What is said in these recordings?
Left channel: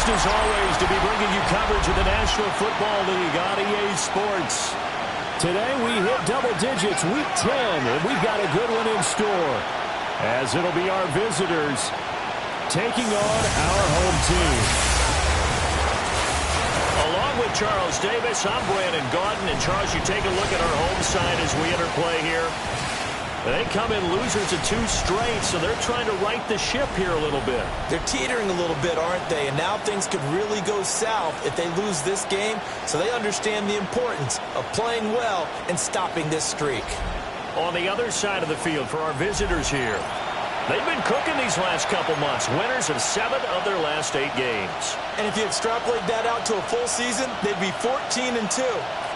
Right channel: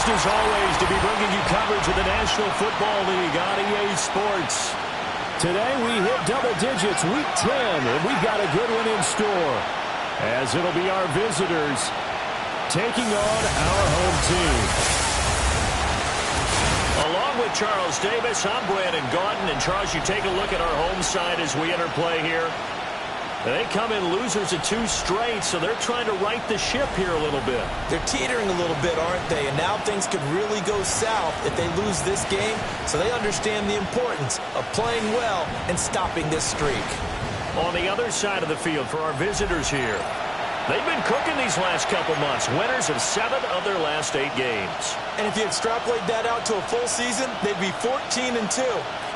Pleased as always to be bringing you coverage of the National Football League on EA Sports. Today we hit double digits, week 10, and we've got a good one in store, as it'll be our visitors taking on our home team. Along with Charles Davis, I'm Brandon Gaudin. And Charles, you take a look at our home side as we enter play here. They come in losers of 2 straight, so they're trying to right the ship here a little bit. They're teetering a little bit, aren't they? And now things could really go south if they lose this game, so they understand the importance of playing well and stopping this streak. On the other side of the field for our visitors here, they've been cooking these last couple months. Winners of 7 of their last 8 games. And if you extrapolate that out to a full season, they'd be 14-2.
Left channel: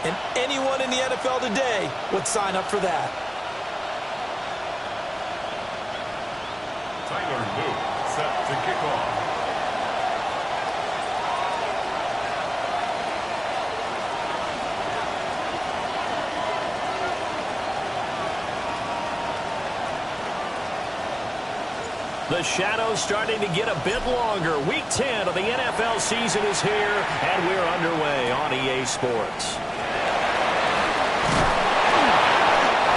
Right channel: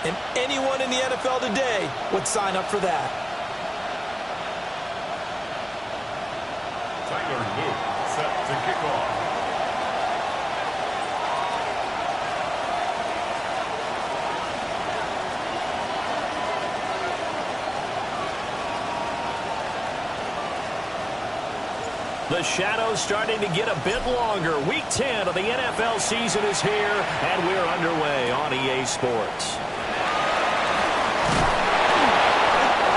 And anyone in the NFL today would sign up for that. Tyler Luke set to kick off. The shadow's starting to get a bit longer. Week 10 of the NFL season is here, and we're underway on EA Sports.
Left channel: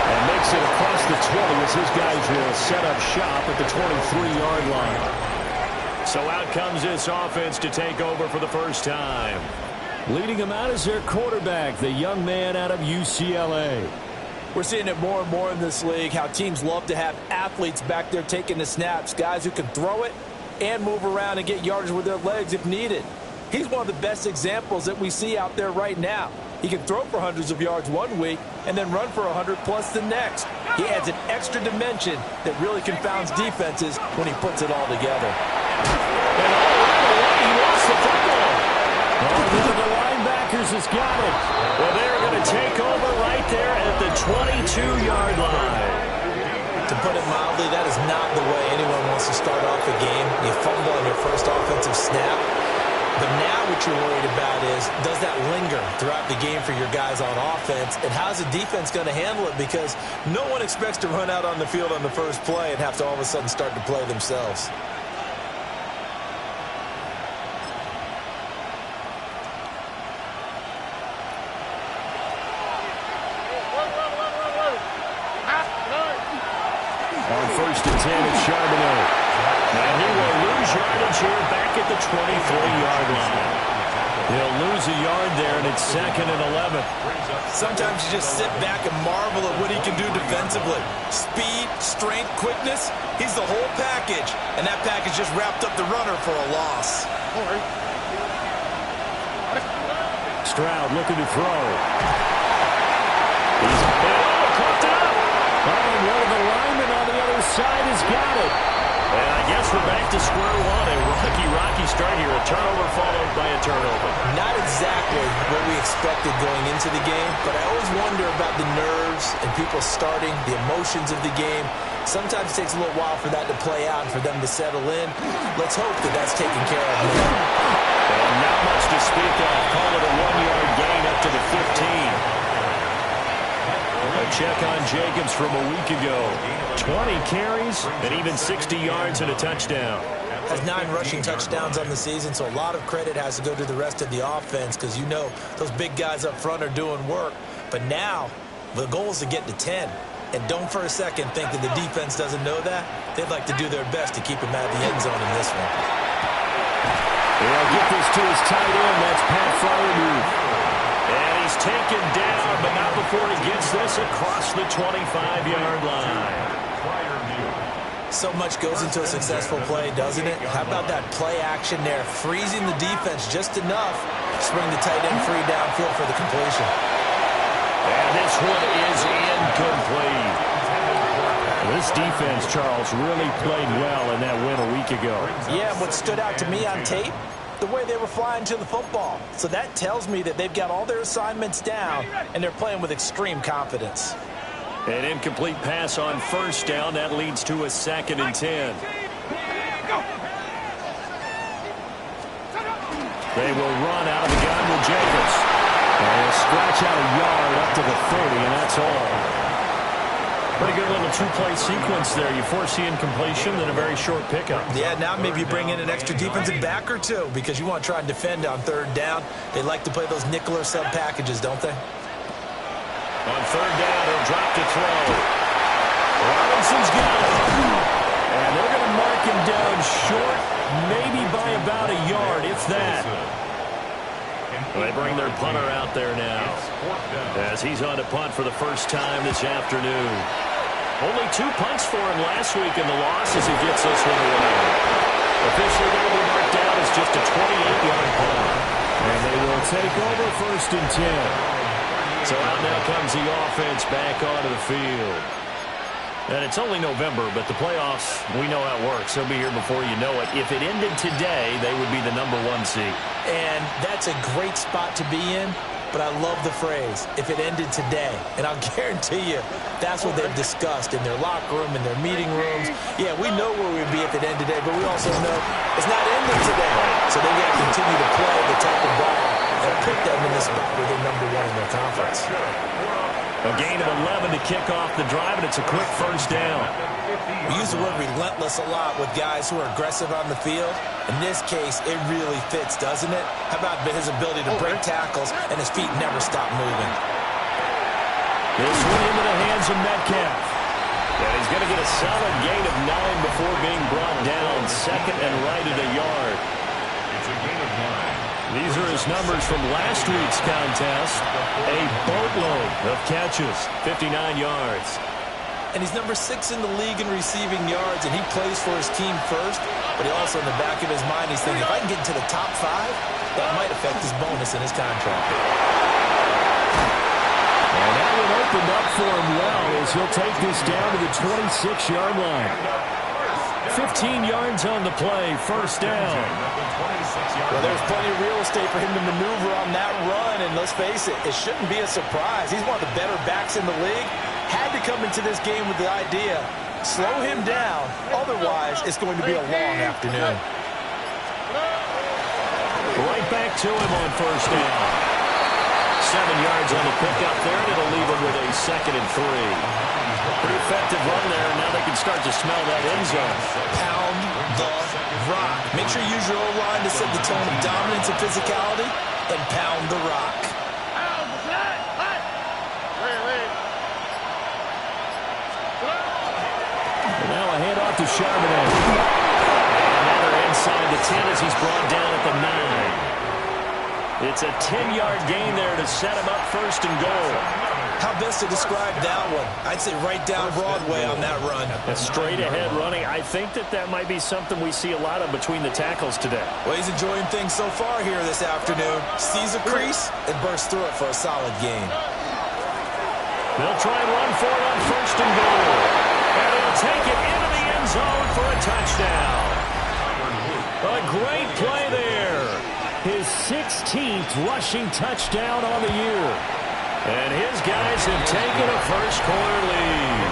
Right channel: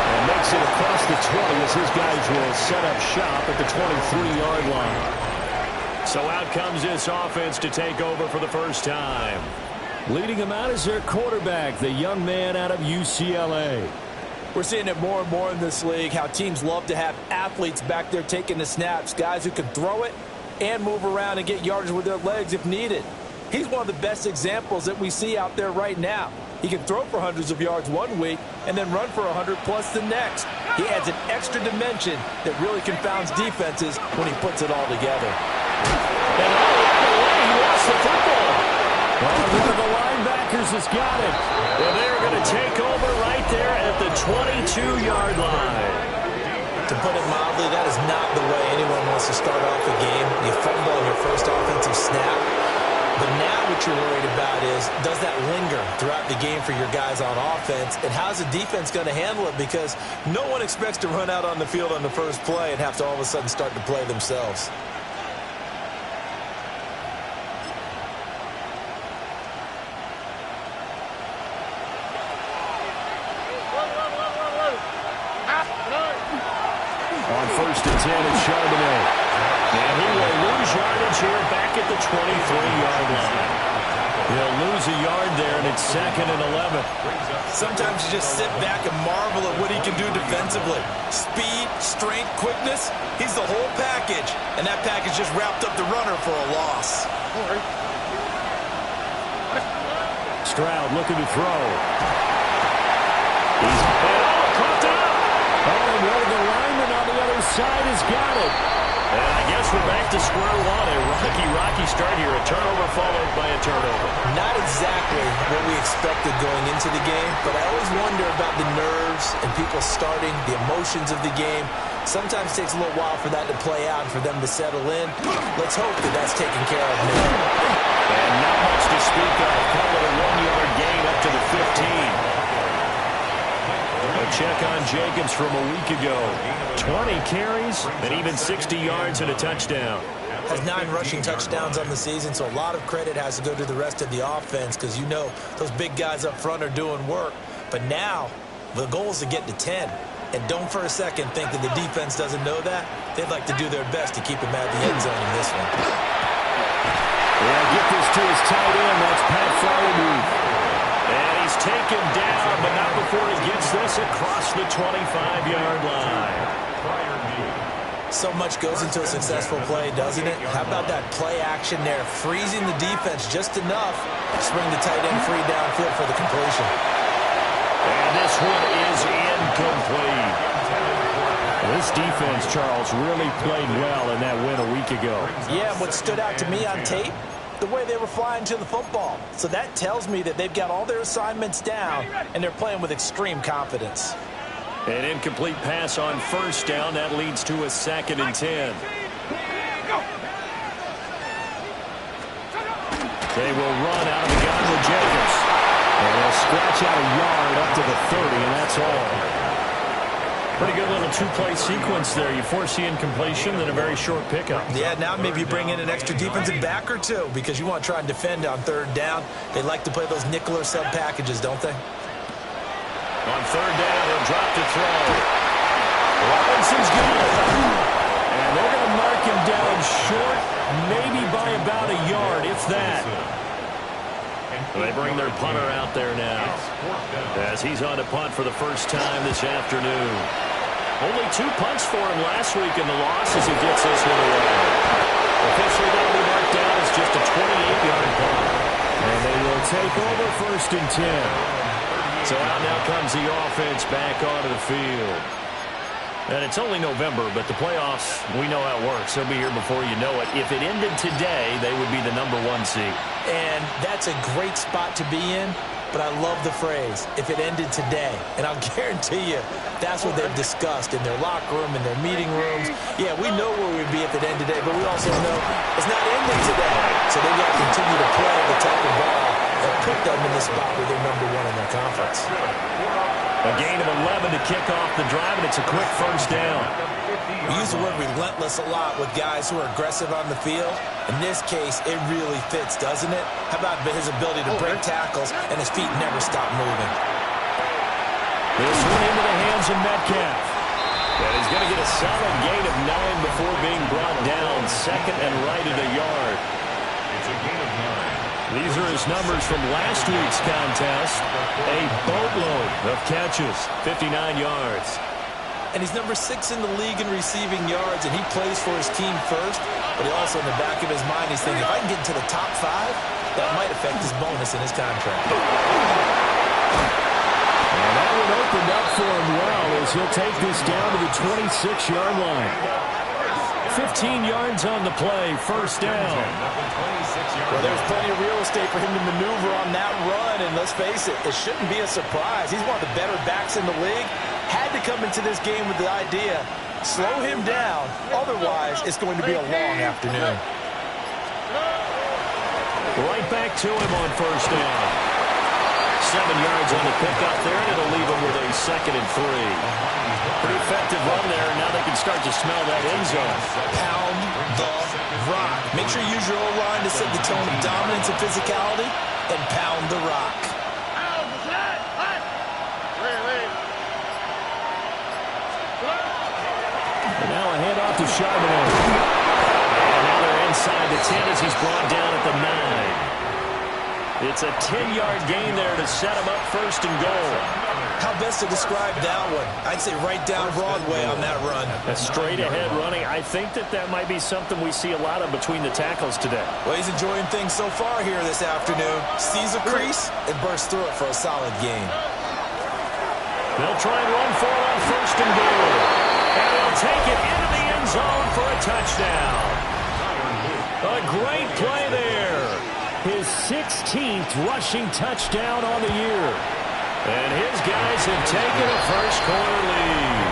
And makes it across the 20 as his guys will set up shop at the 23-yard line. So out comes this offense to take over for the first time. Leading them out is their quarterback, the young man out of UCLA. We're seeing it more and more in this league, how teams love to have athletes back there taking the snaps, guys who can throw it and move around and get yardage with their legs if needed. He's one of the best examples that we see out there right now. He can throw for hundreds of yards one week and then run for 100+ the next. He adds an extra dimension that really confounds defenses when he puts it all together. And all right away, he lost the football. Oh, one of the linebackers has got it. Well, they're going to take over right there at the 22-yard line. To put it mildly, that is not the way anyone wants to start off a game. You fumble on your first offensive snap. But now what you're worried about is, does that linger throughout the game for your guys on offense? And how's the defense going to handle it? Because no one expects to run out on the field on the first play and have to all of a sudden start to play themselves. On 1st and 10, it's Charbonnet. And he will lose yardage here back at the 23-yard line. He'll lose a yard there, and it's 2nd and 11. Sometimes you just sit back and marvel at what he can do defensively. Speed, strength, quickness, he's the whole package. And that package just wrapped up the runner for a loss. Stroud looking to throw. He's caught it up. Oh, and one of the linemen on the other side has got it. And I guess we're back to square one. A rocky start here. A turnover followed by a turnover. Not exactly what we expected going into the game, but I always wonder about the nerves and people starting, the emotions of the game. Sometimes it takes a little while for that to play out and for them to settle in. Let's hope that that's taken care of now. And not much to speak of. Call it a 1-yard gain up to the 15. A check on Jacobs from a week ago. 20 carries and even 60 yards and a touchdown. Has 9 rushing touchdowns on the season, so a lot of credit has to go to the rest of the offense because you know those big guys up front are doing work. But now the goal is to get to 10. And don't for a second think that the defense doesn't know that. They'd like to do their best to keep him out of the end zone in this one. They'll get this to his tight end. That's Pat Freiermuth. And he's taken down, but not before he gets this across the 25-yard line. So much goes into a successful play, doesn't it? How about that play action there, freezing the defense just enough to spring the tight end free downfield for the completion. And this one is incomplete. This defense, Charles, really played well in that win a week ago. Yeah, what stood out to me on tape, the way they were flying to the football. So that tells me that they've got all their assignments down, and they're playing with extreme confidence. An incomplete pass on 1st down. That leads to a 2nd and 10. They will run out of the gun with Jacobs. And he'll scratch out a yard up to the 30, and that's all. Pretty good little two-play sequence there. You force the incompletion, then a very short pickup. Yeah, now maybe you bring in an extra defensive back or two because you want to try and defend on third down. They like to play those nickel or sub packages, don't they? On third down, he'll drop to throw. Robinson's got it. And they're going to mark him down short, maybe by about a yard, if that. They bring their punter out there now as he's on to punt for the first time this afternoon. Only 2 punts for him last week in the loss as he gets this one away. Officially, that'll be marked down as just a 28-yard punt. And they will take over 1st and 10. So out now comes the offense back onto the field. And it's only November, but the playoffs, we know how it works. They'll be here before you know it. If it ended today, they would be the #1 seed. And that's a great spot to be in, but I love the phrase, if it ended today. And I'll guarantee you, that's what they've discussed in their locker room, in their meeting rooms. Yeah, we know where we'd be if it ended today, but we also know it's not ending today. So they've got to continue to play the type of ball that put them in the spot where they're #1 in their conference. A gain of 11 to kick off the drive, and it's a quick first down. We use the word relentless a lot with guys who are aggressive on the field. In this case, it really fits, doesn't it? How about his ability to break tackles and his feet never stop moving? This one into the hands of Metcalf. And he's going to get a solid gain of 9 before being brought down. 2nd and right at a yard. It's a gain of 9. These are his numbers from last week's contest. A boatload of catches, 59 yards. And he's #6 in the league in receiving yards, and he plays for his team first. But he also, in the back of his mind, he's thinking, if I can get into the top 5, that might affect his bonus in his contract. And that one opened up for him well as he'll take this down to the 26-yard line. 15 yards on the play, first down. Well, there's plenty of real estate for him to maneuver on that run, and let's face it, it shouldn't be a surprise. He's one of the better backs in the league. Had to come into this game with the idea, slow him down, otherwise it's going to be a long afternoon. Right back to him on first down. 7 yards on the pickup there, and it'll leave him with a 2nd and 3. Pretty effective run there. Now they can start to smell that end zone. Pound the rock. Make sure you use your O-line to set the tone of dominance and physicality, and pound the rock. And now a handoff to Charbonnet. And now they're inside the 10 as he's brought down at the 9. It's a 10-yard gain there to set him up 1st and goal. How best to describe that one? I'd say right down Broadway on that run. A straight-ahead running. I think that might be something we see a lot of between the tackles today. Well, he's enjoying things so far here this afternoon. Sees a crease and bursts through it for a solid gain. They'll try and run for it on 1st and goal. And he'll take it into the end zone for a touchdown. A great play there. His 16th rushing touchdown on the year. And his guys have taken a first-quarter lead.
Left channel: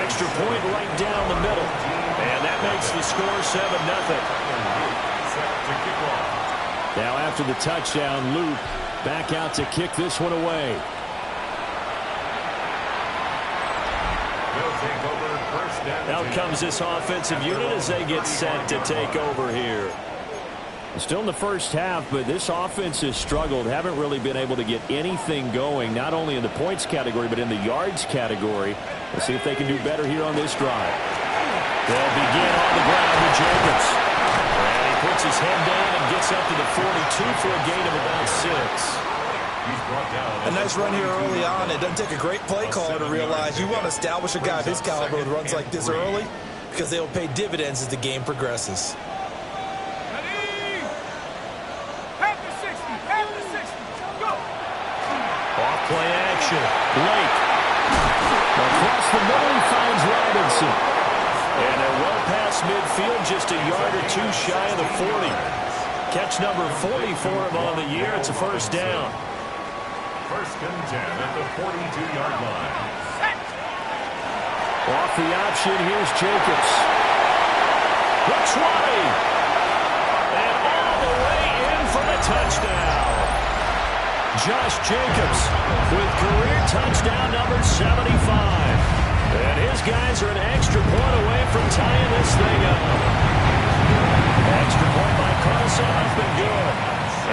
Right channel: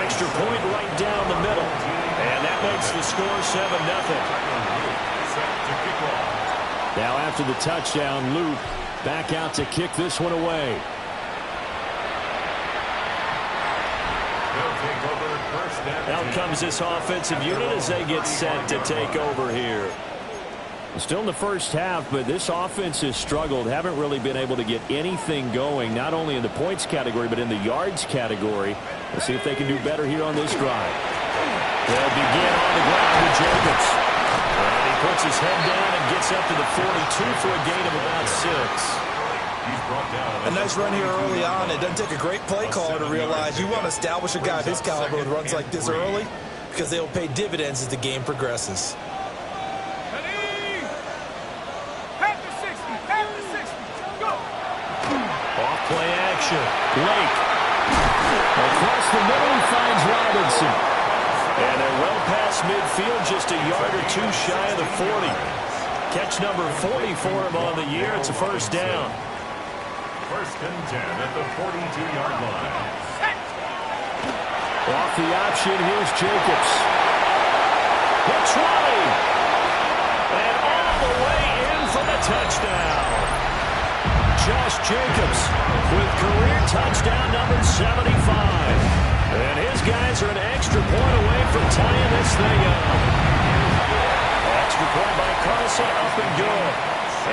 Extra point right down the middle. And that makes the score 7-0. Now after the touchdown, Loop back out to kick this one away. Out comes this offensive unit as they get set to take over here. Still in the first half, but this offense has struggled. Haven't really been able to get anything going, not only in the points category, but in the yards category. Let's see if they can do better here on this drive. They'll begin on the ground with Jacobs. And he puts his head down and gets up to the 42 for a gain of about 6. A nice run here early on. It doesn't take a great play caller to realize you want to establish a guy of his caliber with runs like this early because they will pay dividends as the game progresses. Off-play action. Blake. Across the middle, he finds Robinson. And they're well past midfield, just a yard or 2 shy of the 40. Catch number 40 for him on the year. It's a first down. 1st and 10 at the 42-yard line. Off the option, here's Jacobs. The 20. And all the way in for the touchdown. Josh Jacobs with career touchdown number 75. And his guys are an extra point away from tying this thing up. Extra point by Carlson, up and good.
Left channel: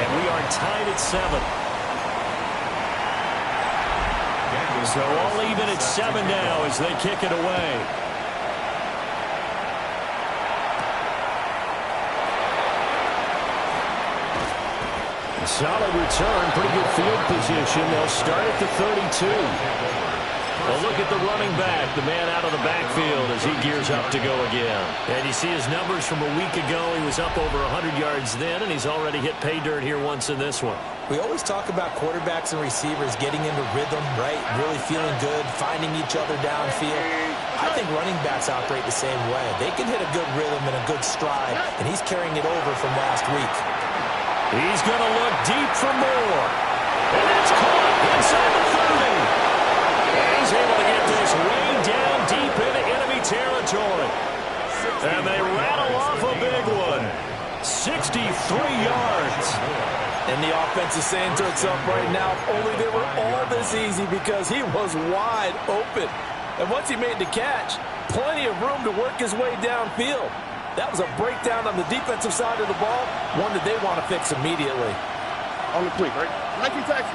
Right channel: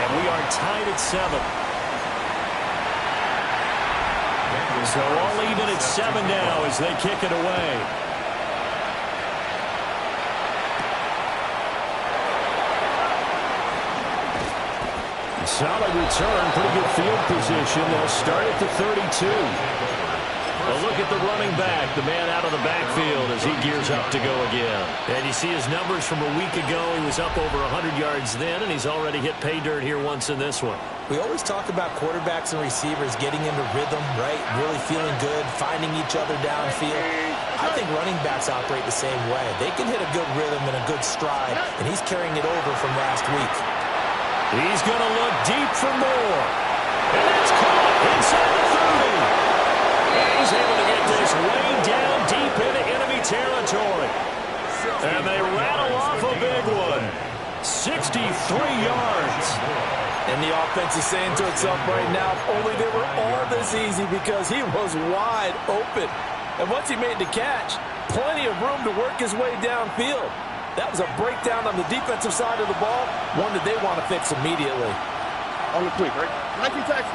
And we are tied at 7. So all even at 7 now as they kick it away. Solid return, pretty good field position. They'll start at the 32. A look at the running back, the man out of the backfield as he gears up to go again. And you see his numbers from a week ago. He was up over 100 yards then, and he's already hit pay dirt here once in this one. We always talk about quarterbacks and receivers getting into rhythm, right? Really feeling good, finding each other downfield. I think running backs operate the same way. They can hit a good rhythm and a good stride, and he's carrying it over from last week. He's going to look deep for more. And that's caught inside the 30. And he's able to get this way down deep into enemy territory. And they rattle off a big one. 63 yards. And the offense is saying to itself right now, if only they were all this easy, because he was wide open. And once he made the catch, plenty of room to work his way downfield. That was a breakdown on the defensive side of the ball, one that they want to fix immediately. On the quick, right? 19 tackles.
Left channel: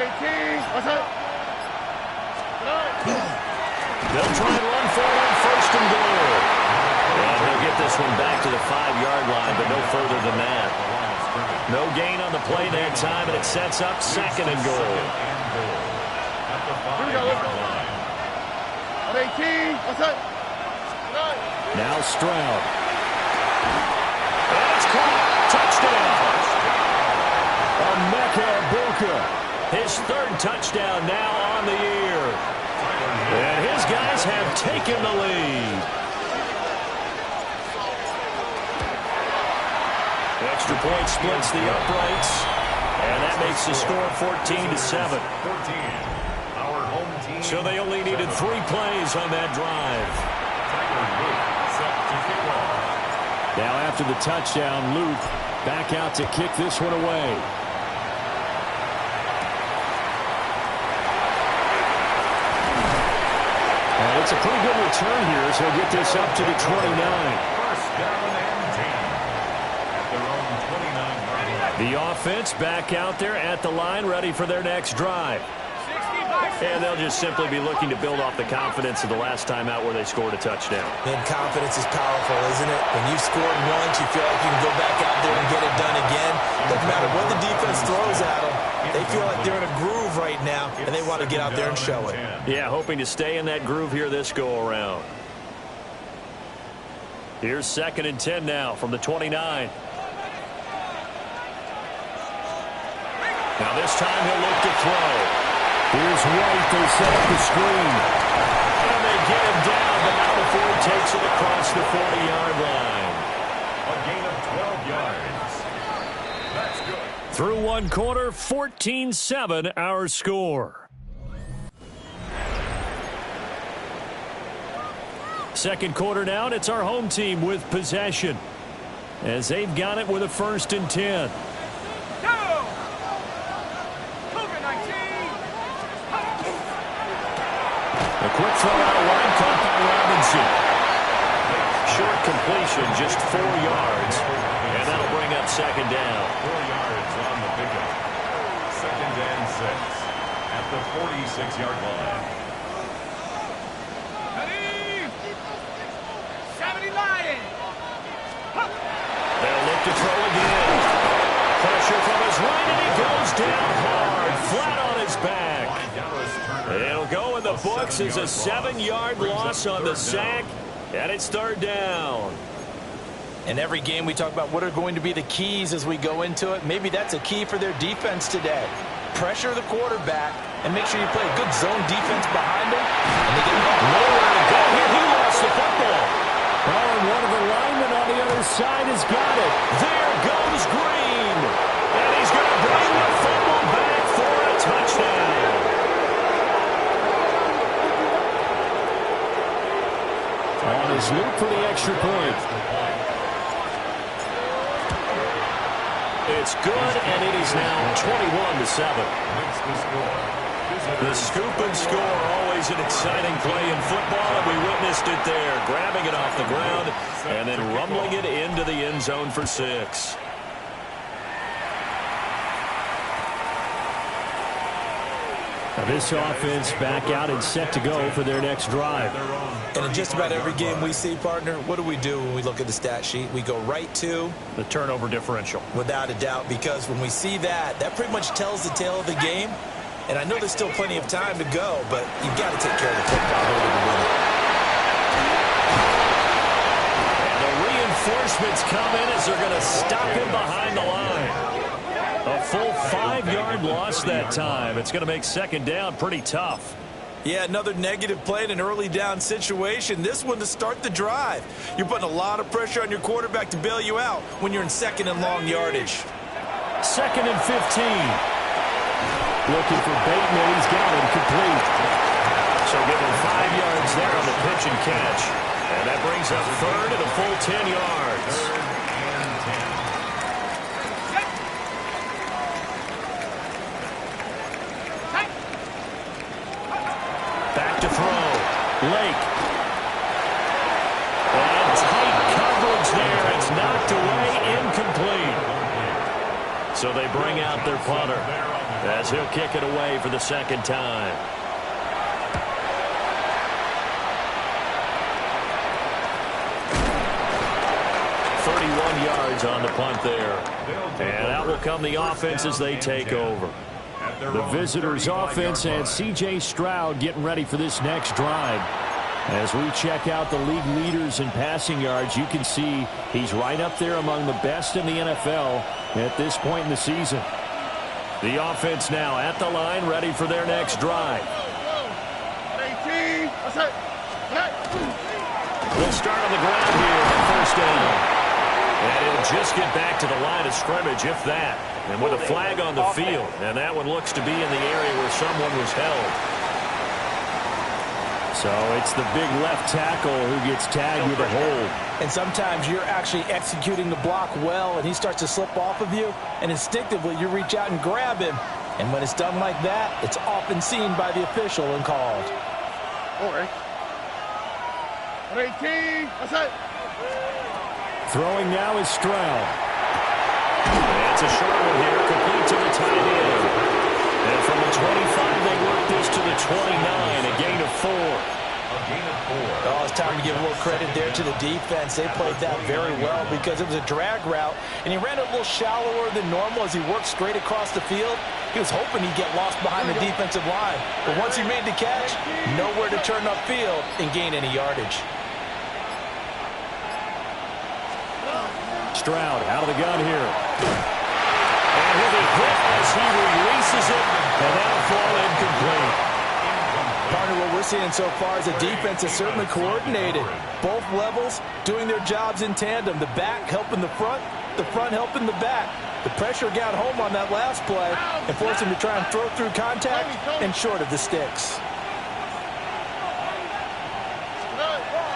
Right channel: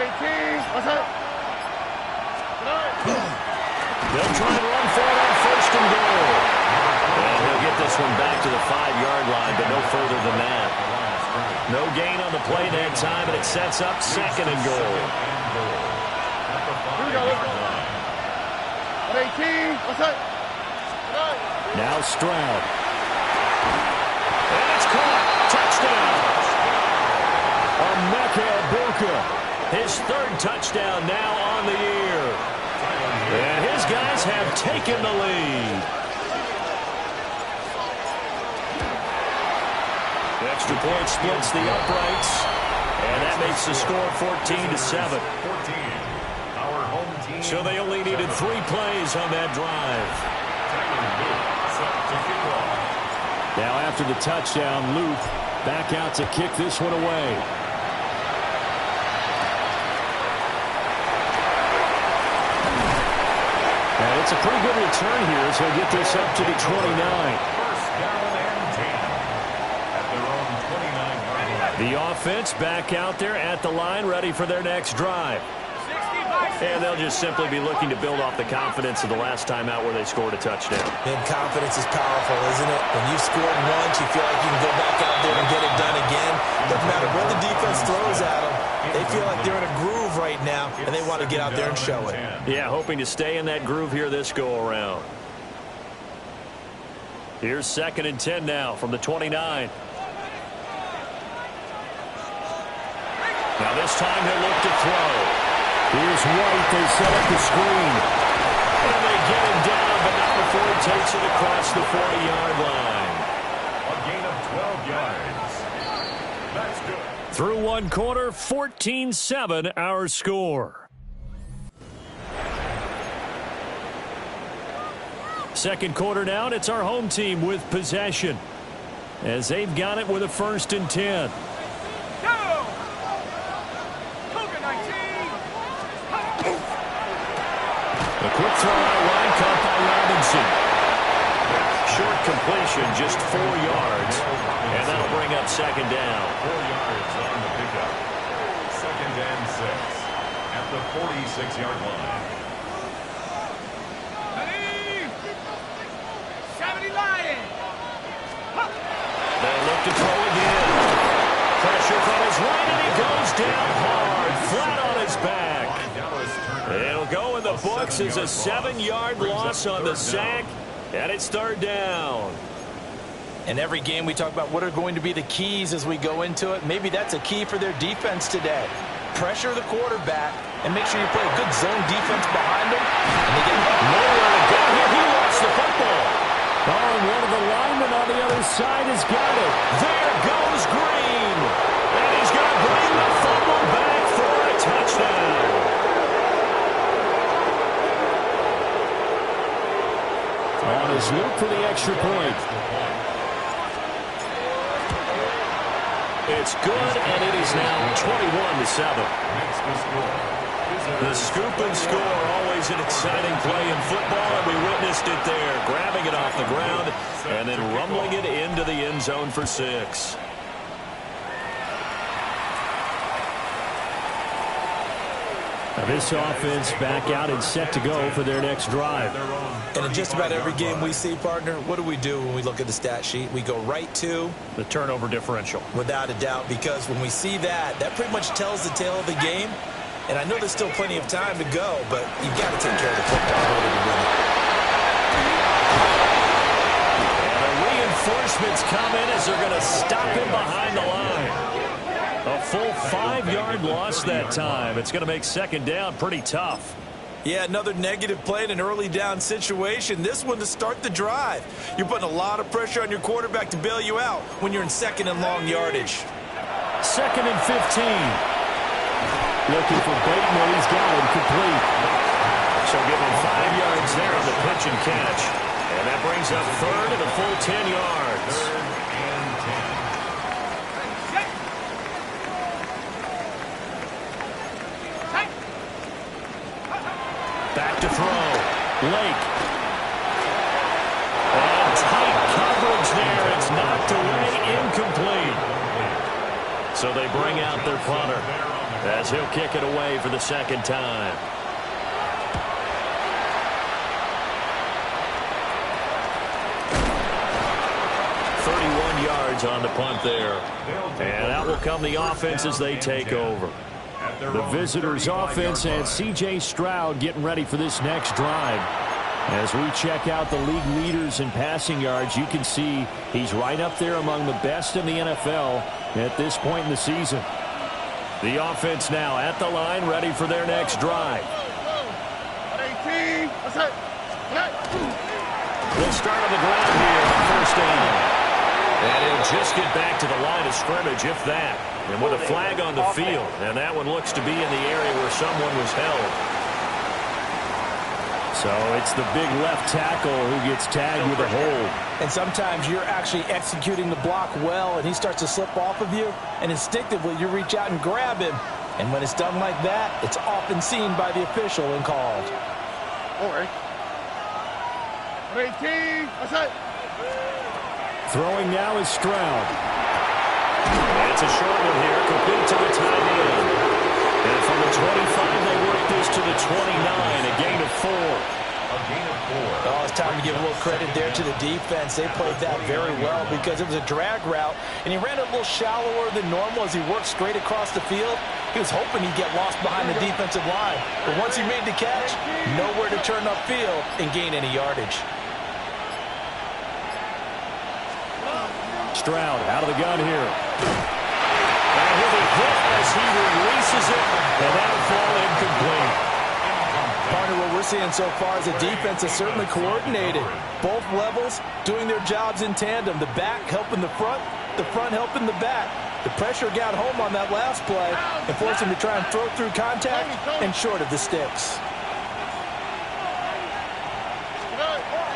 18. What's up? They'll try and run for it on 1st and goal. And he'll get this one back to the 5-yard line, but no further than that. No gain on the play that time, and it sets up 2nd and goal. At the 5-yard line. 18. What's up? Now Stroud. And it's caught. Touchdown. Emeka Egbuka. His 3rd touchdown now on the year. And his guys have taken the lead. Extra point splits the uprights. And that makes the score 14-7. Our home team. So they only needed 3 plays on that drive. Set to kick off. Now after the touchdown, Luke back out to kick this one away. And it's a pretty good return here as he'll get this up to the 29. First down and 10 at their own 29-yard line. The offense back out there at the line, ready for their next drive. And they'll just simply be looking to build off the confidence of the last time out where they scored a touchdown. And confidence is powerful, isn't it? When you've scored once, you feel like you can go back out there and get it done again. Doesn't matter what the defense throws at them. They feel like they're in a groove right now, and they want to get out there and show it. Yeah, hoping to stay in that groove here this go-around. Here's 2nd and 10 now from the 29. Now this time he'll look to throw. Here's White. They set up the screen. And they get him down, but not before he takes it across the 40-yard line. A gain of 12 yards. That's good. Through one quarter, 14-7 our score. Second quarter now, and it's our home team with possession, as they've got it with a 1st and 10. A quick throw out wide, caught by Robinson. Short completion, just 4 yards, and that'll bring up 2nd down. 4 yards on the pickup. 2nd and 6 at the 46-yard line. They'll look to throw again. Pressure from his right, and he goes down hard, flat on his back. It'll go in the books as a 7-yard loss on the sack, and it's 3rd down. In every game, we talk about what are going to be the keys as we go into it. Maybe that's a key for their defense today. Pressure the quarterback and make sure you play a good zone defense behind him. And they get nowhere to go here. He lost the football. Oh, and one of the linemen on the other side has got it. There goes Green. And he's going to bring the fumble back for a touchdown. On his Luke for the extra point. It's good, and it is now 21-7. Makes the score. The scoop and score, always an exciting play in football, and we witnessed it there, grabbing it off the ground and then rumbling it into the end zone for 6. Now this offense back out and set to go for their next drive. And in just about every game we see, partner, what do we do when we look at the stat sheet? We go right to the turnover differential. Without a doubt, because when we see that pretty much tells the tale of the game. And I know there's still plenty of time to go, but you've got to take care of the football in order to win it. And the reinforcements come in as they're going to stop him behind the line. A full 5-yard loss that time. It's going to make second down pretty tough. Yeah, another negative play in an early down situation. This one to start the drive. You're putting a lot of pressure on your quarterback to bail you out when you're in second and long yardage. 2nd and 15. Looking for Bateman. He's got him complete. So give him 5 yards there on the pitch and catch. And that brings up 3rd and a full 10 yards. 3rd and 10. Back to throw. Lake. And tight coverage there. It's knocked away, incomplete. So they bring out their punter as he'll kick it away for the second time. .31 yards on the punt there. And out will come the offense as they take over. The visitors' offense and C.J. Stroud getting ready for this next drive. As we check out the league leaders in passing yards, you can see he's right up there among the best in the NFL at this point in the season. The offense now at the line, ready for their next drive. They'll start on the ground here on first down. And he'll just get back to the line of scrimmage, if that. And with a flag on the field. And that one looks to be in the area where someone was held. So it's the big left tackle who gets tagged with a hold. And sometimes you're actually executing the block well, and he starts to slip off of you, and instinctively you reach out and grab him. And when it's done like that, it's often seen by the official and called. Throwing now is Stroud. And it's a short one here, complete to the tight end. And from the 25, they work this to the 29, a gain of 4. Oh, it's time to give a little credit there to the defense. They played that very well because it was a drag route, and he ran it a little shallower than normal as he worked straight across the field. He was hoping he'd get lost behind the defensive line, but once he made the catch, nowhere to turn upfield and gain any yardage. Stroud out of the gun here. And he'll be hit as he releases it, and that'll fall incomplete. Partner, what we're seeing so far is the defense is certainly coordinated. Both levels doing their jobs in tandem. The back helping the front helping the back. The pressure got home on that last play and forced him to try and throw through contact and short of the sticks.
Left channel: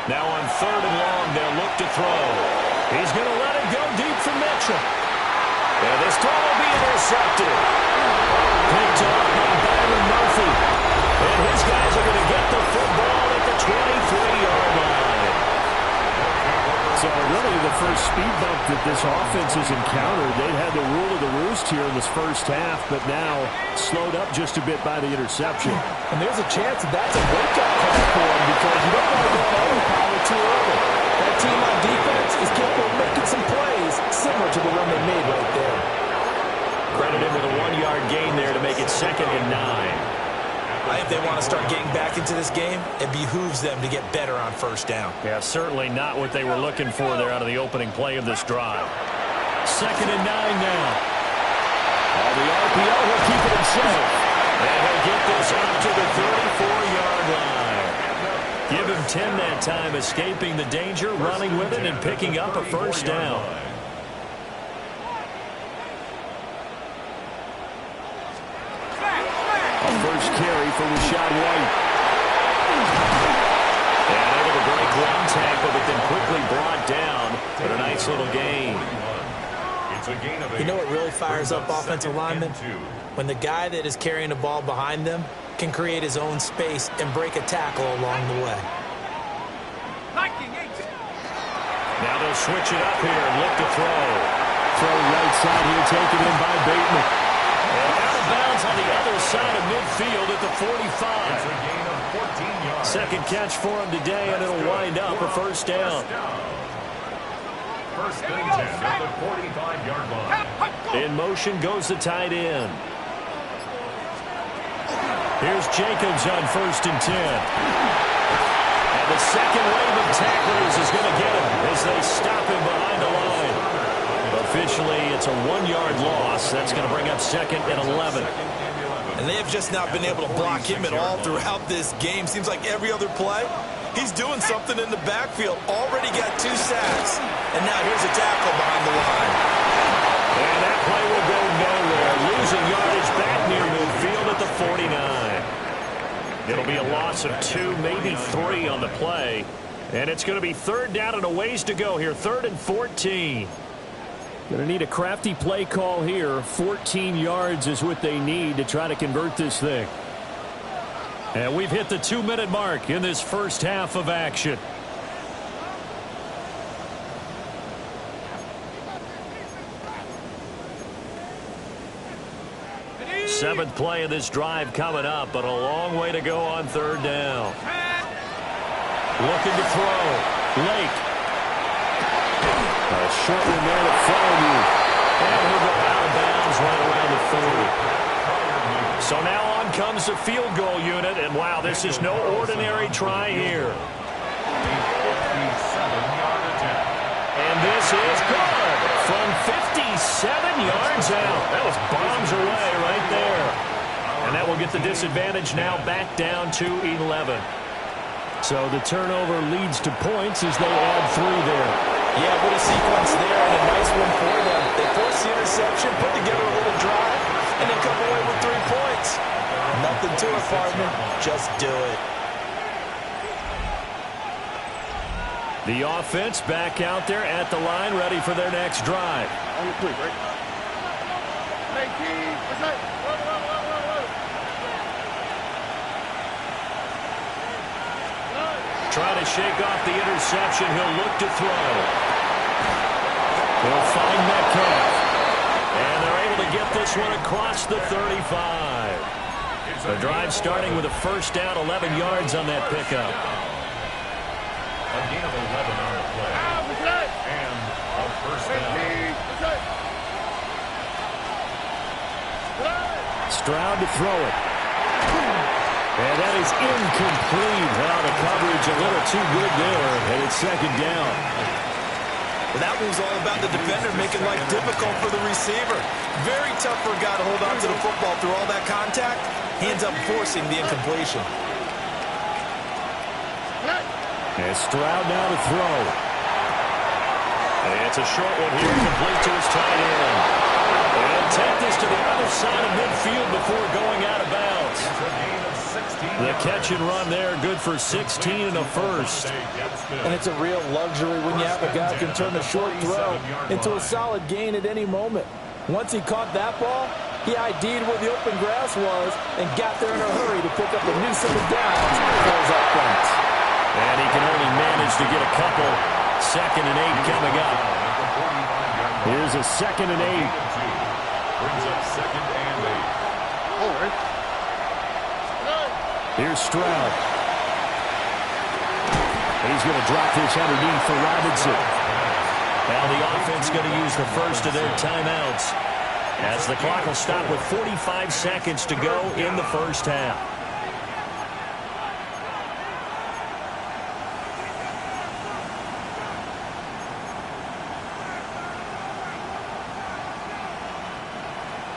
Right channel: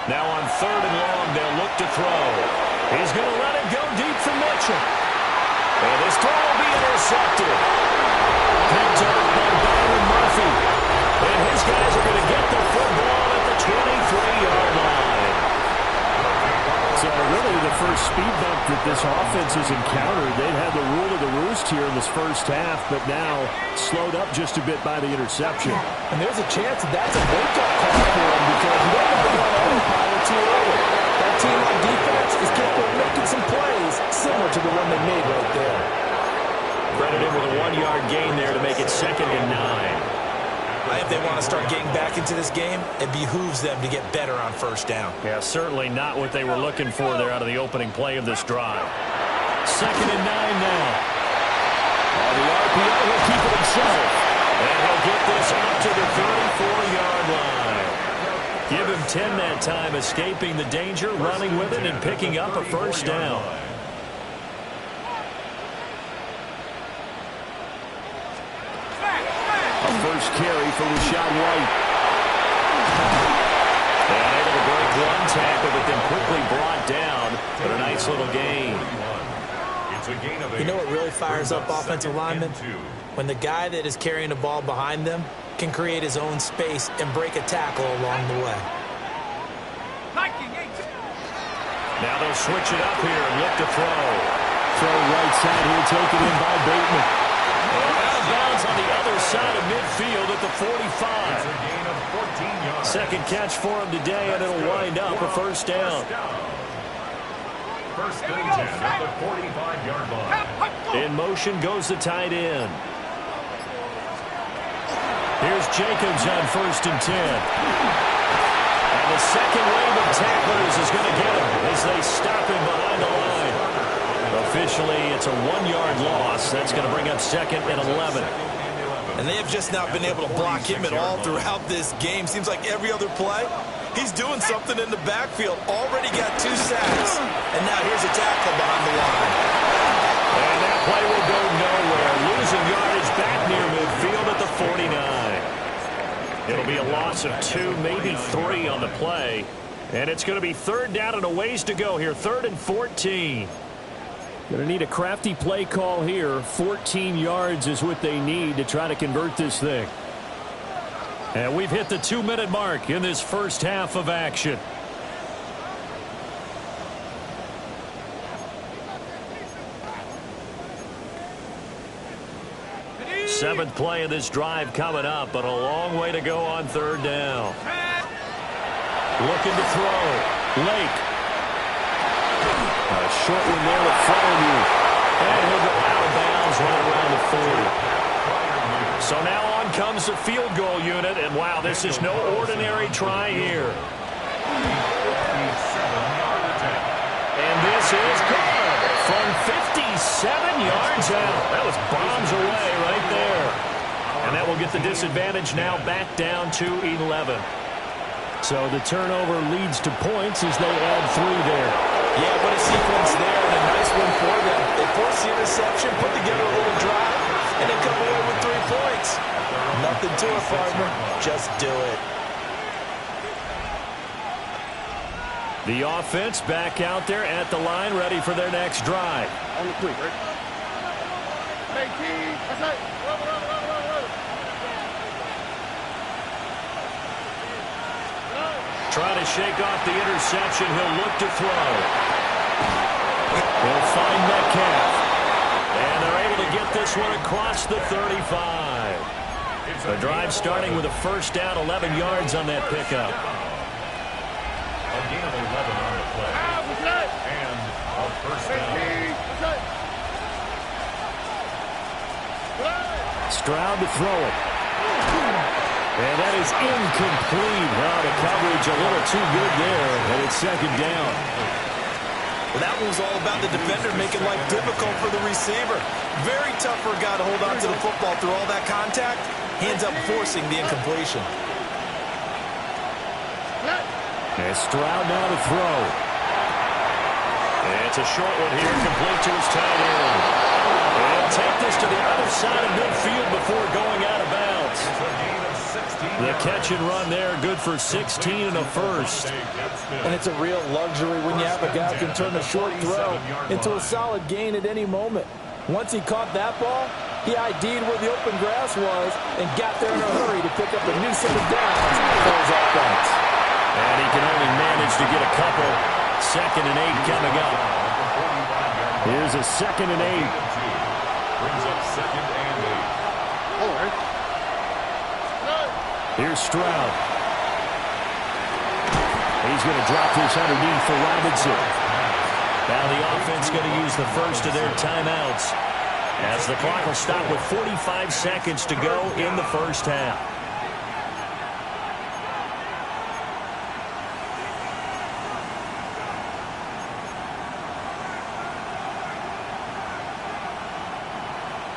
Now on 3rd and long, they'll look to throw. He's going to let it go deep for Mitchell. And this throw will be intercepted. Picked off by Byron Murphy. And his guys are going to get the football at the 23-yard line. So really the first speed bump that this offense has encountered. They'd had the rule of the roost here in this first half, but now slowed up just a bit by the interception. And there's a chance that that's a wake-up call for them because you don't want to go on autopilot too early. That team on defense is capable of making some plays similar to the one they made right there. Credit him with a 1-yard gain there to make it 2nd and 9. If they want to start getting back into this game, it behooves them to get better on first down. Yeah, certainly not what they were looking for there out of the opening play of this drive. 2nd and 9 now. On the RPO, he'll keep it himself. And he'll get this out to the 34-yard line. Give him 10 that time, escaping the danger, running with it, and picking up a first down. First carry for Rachaad White. And able to break one tackle, but then quickly brought down. But a nice little gain. It's a gain of 8. You know what really fires up offensive linemen? When the guy that is carrying the ball behind them can create his own space and break a tackle along the way. Now they'll switch it up here and look to throw. Throw right side here, taken in by Bateman. And out of bounds on the other side of midfield at the 45. It's a gain of 14 yards. Second catch for him today, and it'll wind up a first down. First and 10 at the 45-yard line. In motion goes the tight end. Here's Jacobs on first and 10. And the second wave of tacklers is going to get him as they stop him behind the line. Officially, it's a 1-yard loss. That's going to bring up second and 11. And they have just not been able to block him at all throughout this game. Seems like every other play, he's doing something in the backfield. Already got 2 sacks. And now here's a tackle behind the line. And that play will go nowhere. Losing yardage back near midfield at the 49. It'll be a loss of 2, maybe 3 on the play. And it's going to be third down and a ways to go here. 3rd and 14. Going to need a crafty play call here. 14 yards is what they need to try to convert this thing. And we've hit the 2-minute mark in this first half of action. Seventh play of this drive coming up, but a long way to go on third down. Looking to throw. Lake. A short one there to Fryermuth. And he'll go out of bounds right around the 40. So now on comes the field goal unit, and wow, this is no ordinary try here. And this is good from 57 yards out. That was bombs away right there. And that will get the disadvantage now back down to 11. So the turnover leads to points as they add 3 there. Yeah, what a sequence there, and a nice one for them. They force the interception, put together a little drive, and then come away with 3 points. Nothing to it, partner. Just do it. The offense back out there at the line, ready for their next drive. On the quick, right? Trying to shake off the interception. He'll look to throw. He'll find Metcalf. And they're able to get this one across the 35. The drive starting with a first down, 11 yards on that pickup. A gain of 11 on the play. And a first down. Stroud to throw it. And that is incomplete. Oh, the coverage a little too good there, and it's second down. Well, that one was all about the defender making life difficult for the receiver. Very tough for a guy to hold on to the football through all that contact. He ends up forcing the incompletion. And Stroud now to throw. And it's a short one here, complete to his tight end. And take this to the other side of midfield before going out of bounds. The catch and run there, good for 16 and a first. And it's a real luxury when you have a guy who can turn a short throw into a solid gain at any moment. Once he caught that ball, he ID'd where the open grass was and got there in a hurry to pick up a new set of downs for his offense. And he can only manage to get a couple. 2nd and 8 coming up. Here's a 2nd and 8. Brings up 2nd and 8. All right. Here's Stroud. He's going to drop this underneath for Robinson. Now the offense going to use the first of their timeouts as the clock will stop with 45 seconds to go in the first half.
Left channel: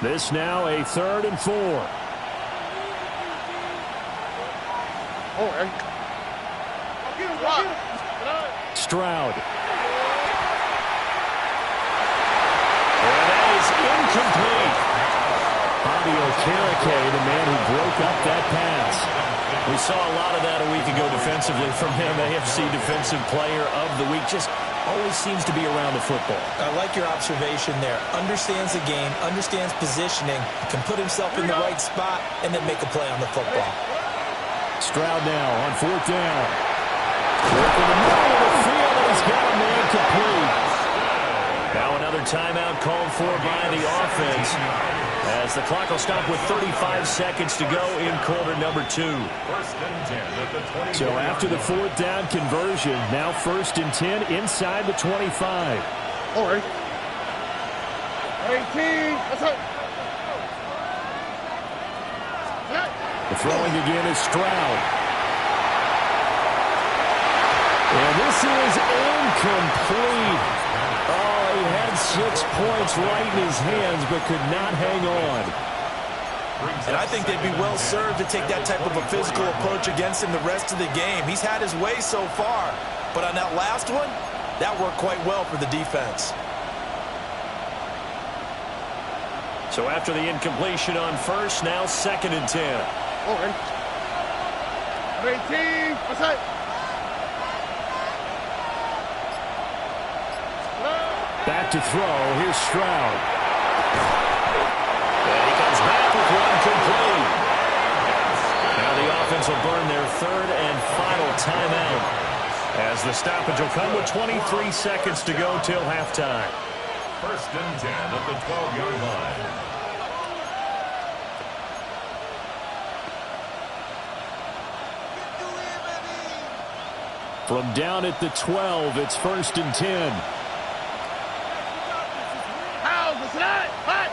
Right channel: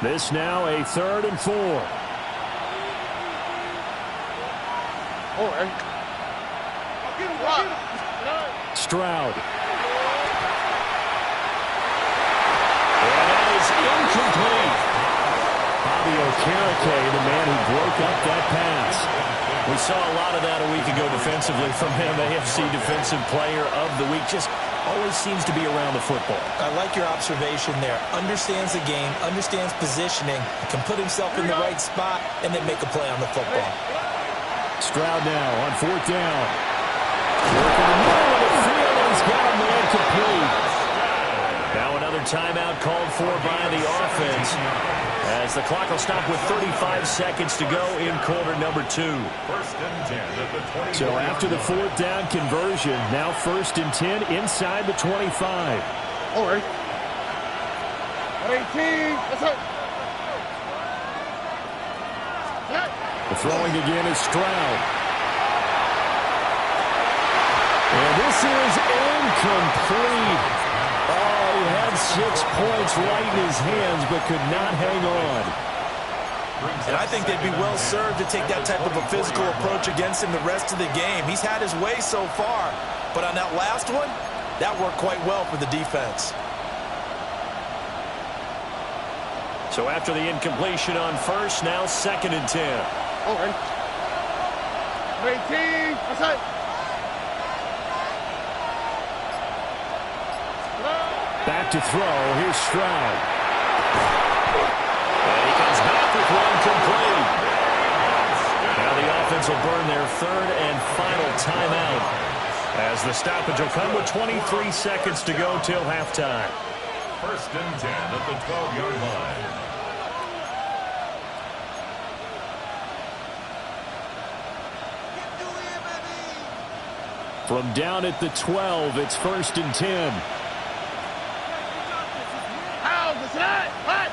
This now a 3rd and 4. All right. Stroud. And that is incomplete. Bobby Okereke, the man who broke up that pass. We saw a lot of that a week ago defensively from him. AFC Defensive Player of the Week. Just always seems to be around the football. I like your observation there. Understands the game, understands positioning, can put himself in the right spot, and then make a play on the football. Stroud now on 4th down. Work in the middle of the field, and he's got a man complete. Now another timeout called for by the offense, as the clock will stop with 35 seconds to go in quarter number 2. So after the 4th down conversion, now 1st and 10 inside the 25. All right. 18. That's it. The throwing again is Stroud. And this is incomplete. Oh, he had 6 points right in his hands, but could not hang on. And I think they'd be well served to take that type of a physical approach against him the rest of the game. He's had his way so far, but on that last one, that worked quite well for the defense. So after the incompletion on 1st, now 2nd and 10. All right. 18. That's it. Back to throw. Here's Stroud. And he comes back with one complete. Now the offense will burn their 3rd and final timeout, as the stoppage will come with 23 seconds to go till halftime. 1st and 10 at the 12-yard line. From down at the 12, it's 1st and 10. Hot.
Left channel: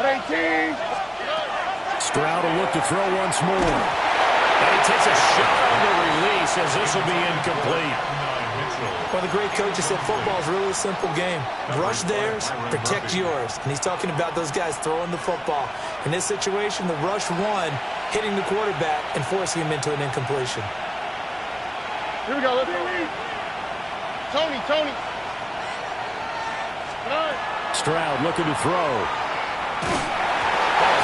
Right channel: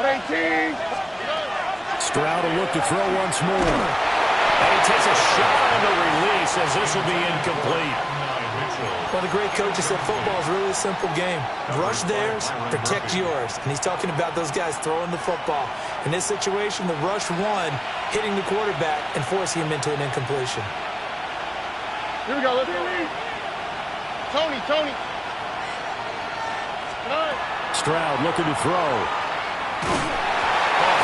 18. Stroud will look to throw once more. And he takes a shot on the release, as this will be incomplete. One of the great coaches said football is really a simple game. Rush theirs, protect yours. And he's talking about those guys throwing the football. In this situation, the rush won, hitting the quarterback and forcing him into an incompletion. Here we go. Let's go. Tony. Stroud looking to throw. A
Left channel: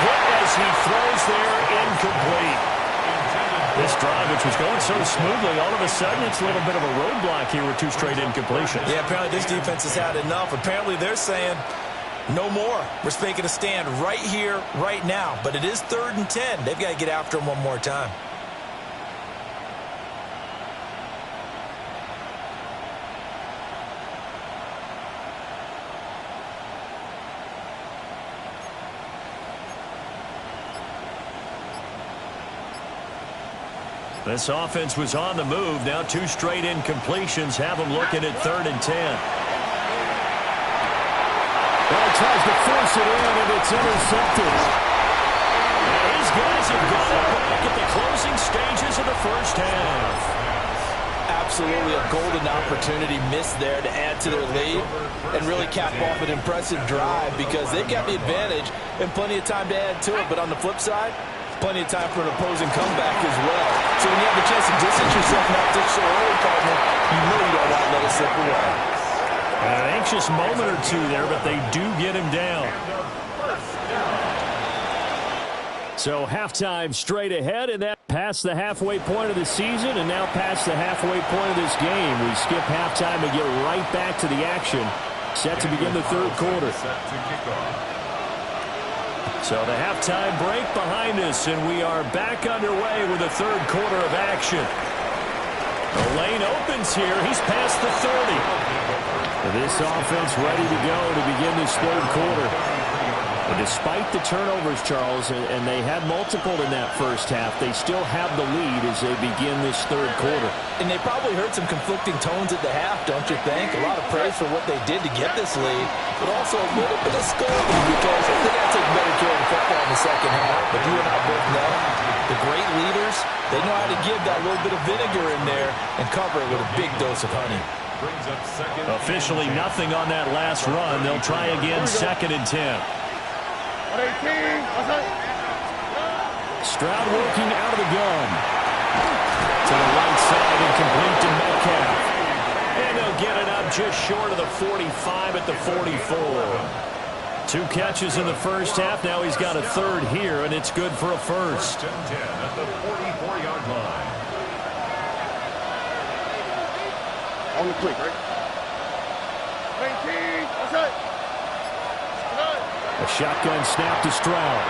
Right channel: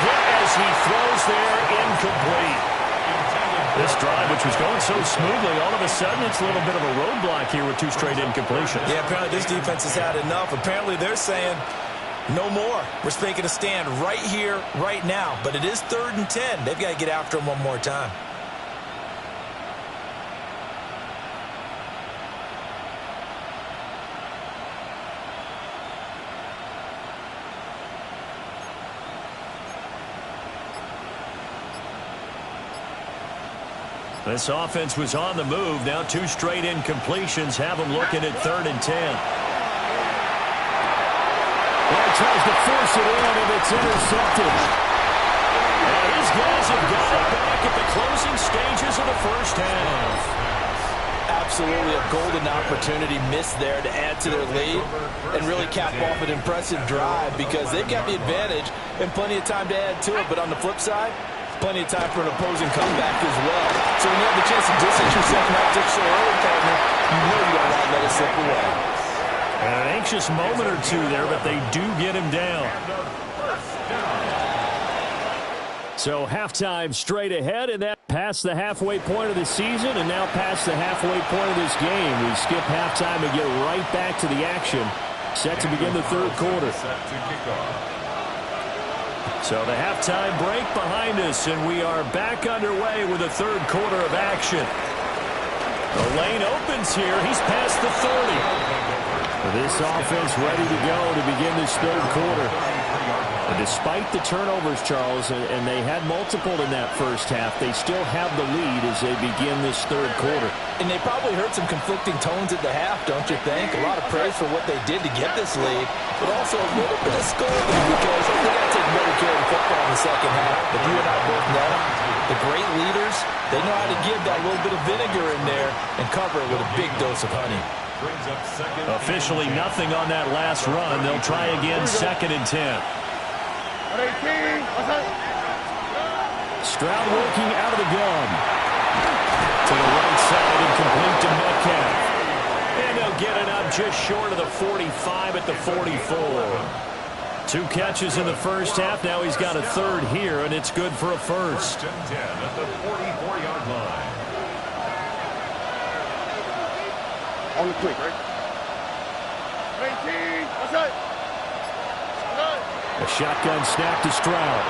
hit as he throws there, incomplete. This drive, which was going so smoothly, all of a sudden it's a little bit of a roadblock here with 2 straight incompletions. Yeah, apparently this defense has had enough. Apparently they're saying no more. We're making a stand right here, right now. But it is 3rd and 10. They've got to get after him one more time. This offense was on the move. Now 2 straight incompletions have them looking at 3rd and 10. Well, he tries to force it in, and it's intercepted. And his guys have got it back at the closing stages of the 1st half. Absolutely a golden opportunity missed there to add to their lead and really cap off an impressive drive, because they've got the advantage and plenty of time to add to it. But on the flip side, plenty of time for an opposing comeback as well. So when you have the chance to distance yourself not just so early, partner, you know you don't want to let it slip away. And an anxious moment or two there, but they do get him down. So halftime straight ahead, and that past the halfway point of the season and now past the halfway point of this game. We skip halftime and get right back to the action. Set to begin the 3rd quarter. So the halftime break behind us, and we are back underway with the 3rd quarter of action. The lane opens here. He's past the 30. This offense ready to go to begin this 3rd quarter. And despite the turnovers, Charles, and they had multiple in that 1st half, they still have the lead as they begin this 3rd quarter. And they probably heard some conflicting tones at the half, don't you think? A lot of praise for what they did to get this lead, but also a little bit of scolding because they got to take better care of the football in the 2nd half. But you and I both know the great leaders, they know how to give that little bit of vinegar in there and cover it with a big dose of honey. Officially nothing on that last run. They'll try again 2nd and 10. 18. Stroud working out of the gun. To the right side and complete to Metcalf. And they'll get it up just short of the 45 at the 44. 2 catches in the 1st half. Now he's got a 3rd here, and it's good for a 1st. 1st and 10 at the 44-yard line. On the quick, right? 18, outside. A shotgun snap to Stroud.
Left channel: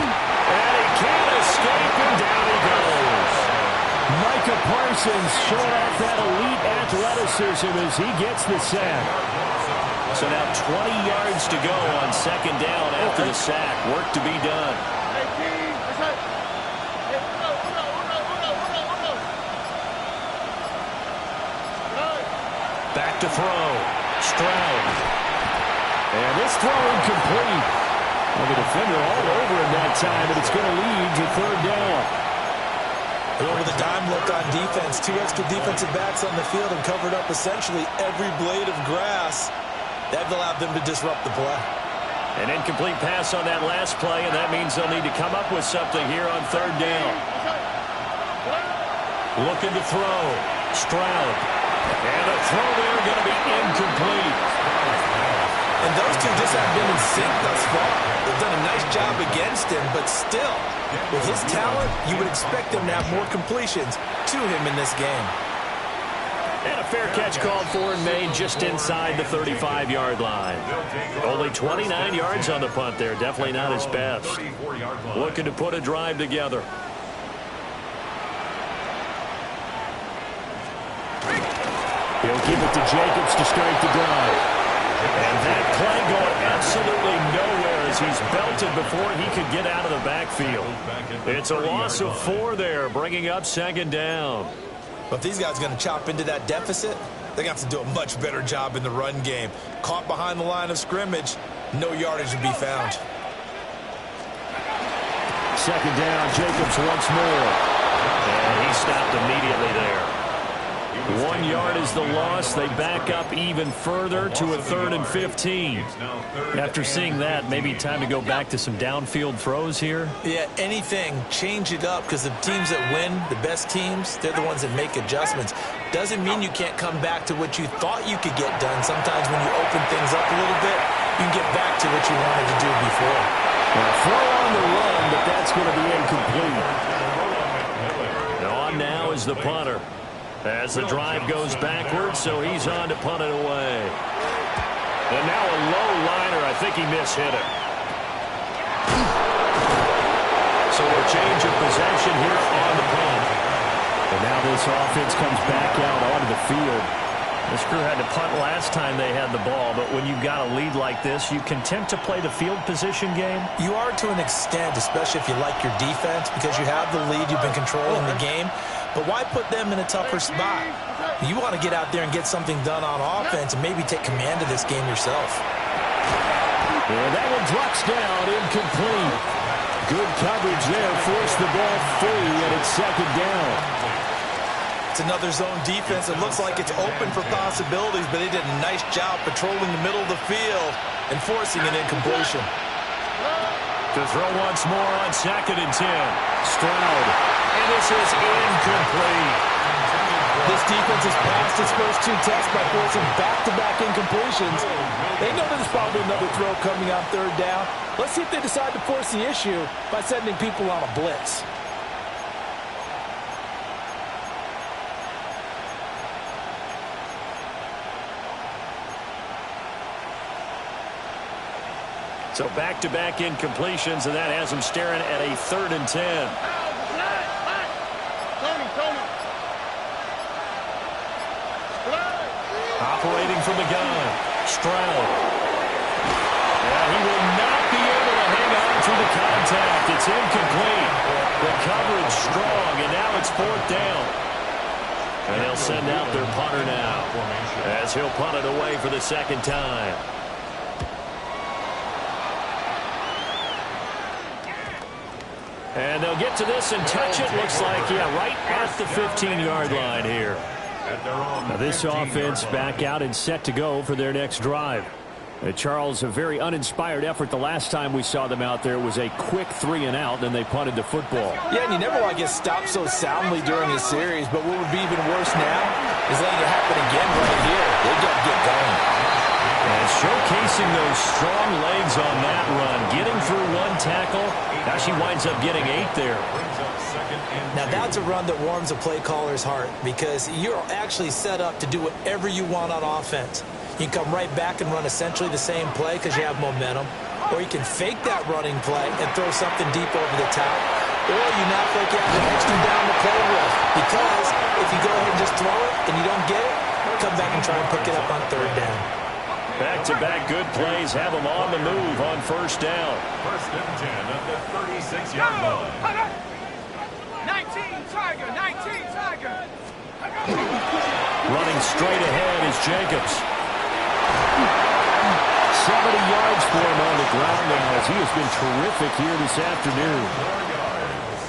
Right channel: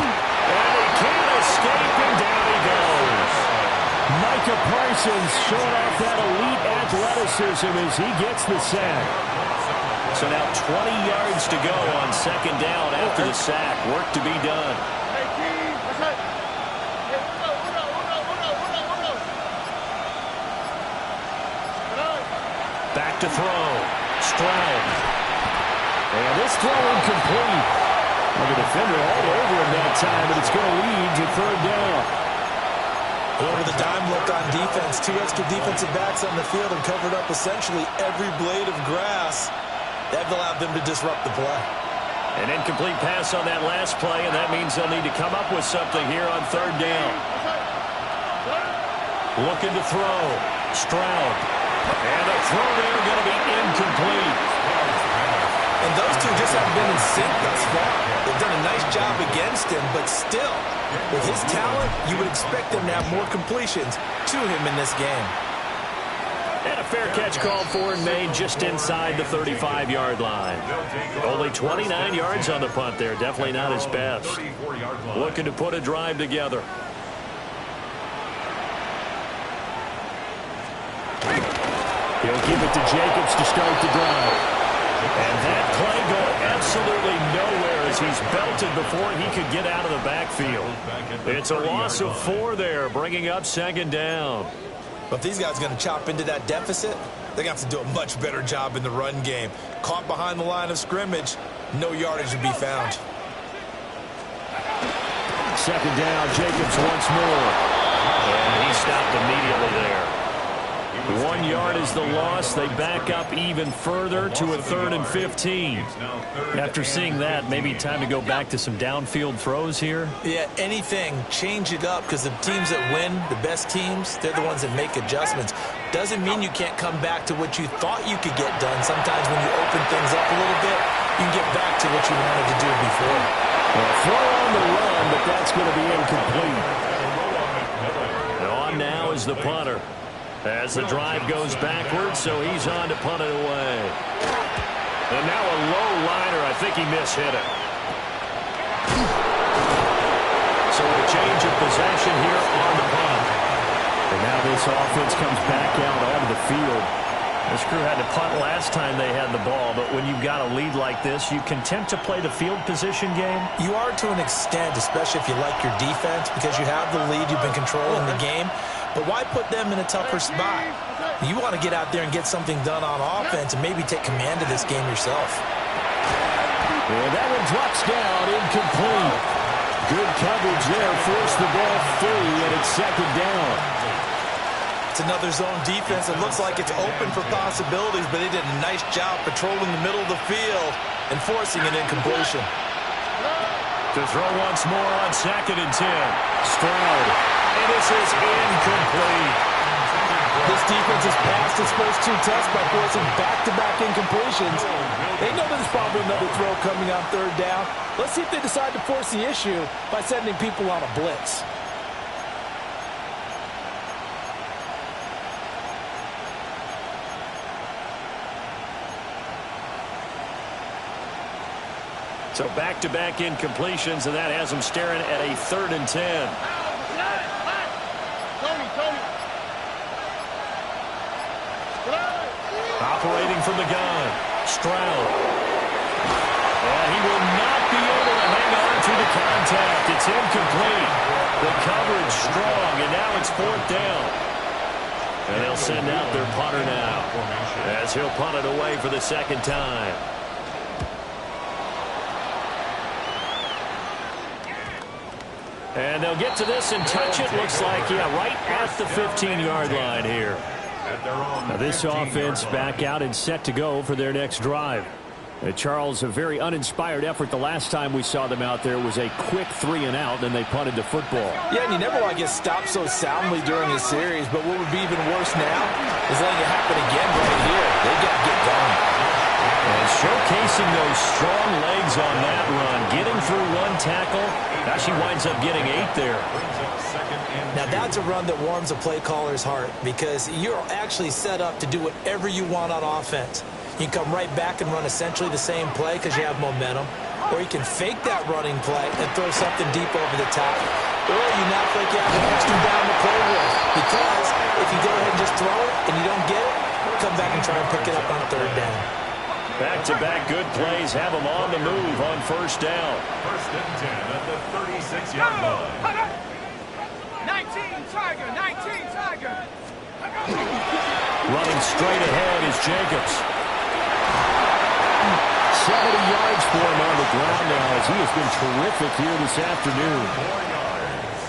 And he can't escape, and down he goes. Micah Parsons showing off that elite athleticism as he gets the sack. So now 20 yards to go on second down after the sack. Work to be done. 18, outside. Back to throw. Stroud. And this throw incomplete. Well, the defender all over him that time, but it's going to lead to third down. Over the dime look on defense. 2 extra defensive backs on the field and covered up essentially every blade of grass. That allowed them to disrupt the play. An incomplete pass on that last play, and that means they'll need to come up with something here on third down. Looking to throw. Stroud. And a throw there going to be incomplete. And those two just haven't been in sync thus far. They've done a nice job against him, but still, with his talent, you would expect them to have more completions to him in this game. And a fair catch called for and made just inside the 35-yard line. Only 29 yards on the punt there. Definitely not his best. Looking to put a drive together. He'll give it to Jacobs to start the drive. And that play going absolutely nowhere as he's belted before he could get out of the backfield. It's a loss of 4 there, bringing up second down. But if these guys are going to chop into that deficit, they're going to have to do a much better job in the run game. Caught behind the line of scrimmage, no yardage would be found. Second down, Jacobs once more. And he stopped immediately there. 1 yard is the loss. They back up even further to a 3rd and 15. After seeing that, maybe time to go back to some downfield throws here. Yeah, anything. Change it up because the teams that win, the best teams, they're the ones that make adjustments. Doesn't mean you can't come back to what you thought you could get done. Sometimes when you open things up a little bit, you can get back to what you wanted to do before. Well, throw on the run, but that's going to be incomplete. And on now is the punter. As the drive goes backwards, so he's on to punt it away. And now a low liner. I think he mishit it. So a change of possession here on the punt. And now this offense comes back out onto the field. This crew had to punt last time they had the ball, but when you've got a lead like this, you content to play the field position game? You are to an extent, especially if you like your defense, because you have the lead, you've been controlling the game. But why put them in a tougher spot? You want to get out there and get something done on offense and maybe take command of this game yourself. And that one drops down, incomplete. Good coverage there, forced the ball free, and it's second down. It's another zone defense. It looks like it's open for possibilities, but they did a nice job patrolling the middle of the field and forcing an incompletion. To throw once more on 2nd and 10. Stroud. And this is incomplete. This defense has passed its first 2 tests by forcing back-to-back incompletions. They know there's probably another throw coming on 3rd down. Let's see if they decide to force the issue by sending people on a blitz. So back-to-back incompletions, and that has them staring at a 3rd and 10. Tony. Operating from the gun, Stroud. Yeah, he will not be able to hang on through the contact. It's incomplete. The coverage strong, and now it's 4th down. And they'll send out their punter now as he'll punt it away for the 2nd time. And they'll get to this and touch it. Looks like, yeah, right at the 15-yard line here. Now this offense back out and set to go for their next drive. Charles, a very uninspired effort the last time we saw them out there. It was a quick 3-and-out, then they punted the football. Yeah, and you never want to get stopped so soundly during a series, but what would be even worse now is letting it happen again right here. They got to get going. And showcasing those strong legs on that run, getting through 1 tackle. Now she winds up getting 8 there. Now that's a run that warms a play caller's heart because you're actually set up to do whatever you want on offense. You can come right back and run essentially the same play because you have momentum. Or you can fake that running play and throw something deep over the top. Or you now feel like you have an extra down to play with. Because if you go ahead and just throw it and you don't get it, come back and try and pick it up on third down. Back-to-back good plays have them on the move on first down. First and 10 at the 36-yard line. 19 Tiger, 19 Tiger. Running straight ahead is Jacobs. 70 yards for him on the ground now as he has been terrific here this afternoon.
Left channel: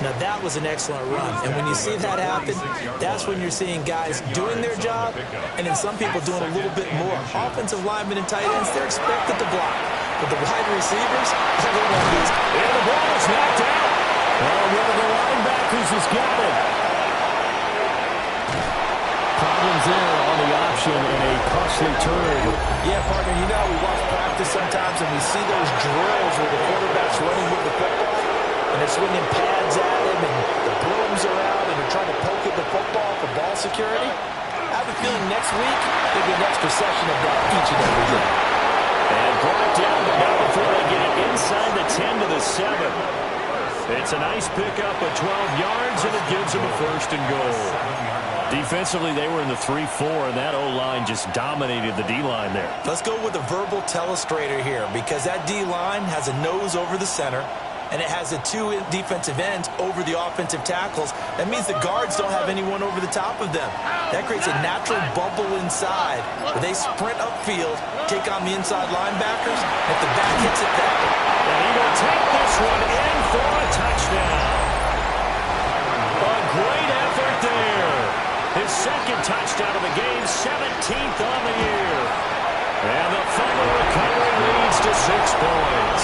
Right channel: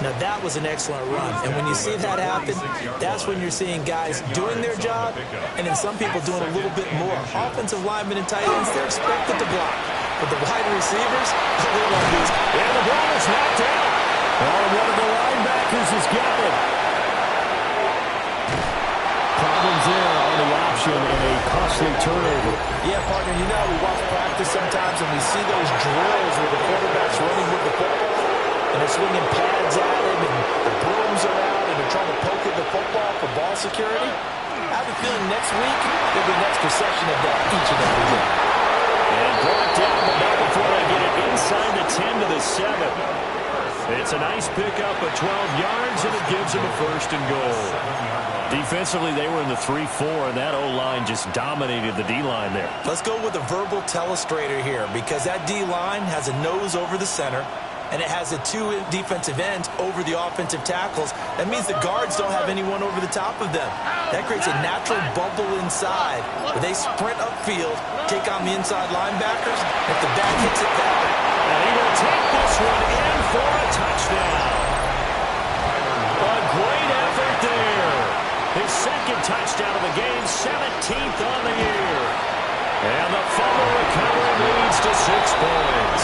Now, that was an excellent run. And when you see that happen, that's when you're seeing guys doing their job and then some people doing a little bit more. Offensive linemen and tight ends, they're expected to block. But the wide receivers, all they want to do is... And the ball is knocked out. Oh, one of the linebackers has got it. Problems there on the option and a costly turnover. Yeah, partner, you know we watch practice sometimes and we see those drills where the quarterback's running with the football and they're swinging pads at him and the brooms are out and they're trying to poke at the football for ball security. I have a feeling next week there'll be an extra session of that each and every day. And brought down, but not before they get it inside the 10 to the 7. It's a nice pickup of 12 yards, and it gives them a first and goal. Defensively, they were in the 3-4, and that O-line just dominated the D-line there. Let's go with a verbal telestrator here because that D-line has a nose over the center, and it has the two defensive ends over the offensive tackles. That means the guards don't have anyone over the top of them. That creates a natural bubble inside where they sprint upfield, take on the inside linebackers. If the back hits it back. And he will take this one in for a touchdown. A great effort there. His second touchdown of the game, 17th on the year. And the fumble recovery leads to 6 points.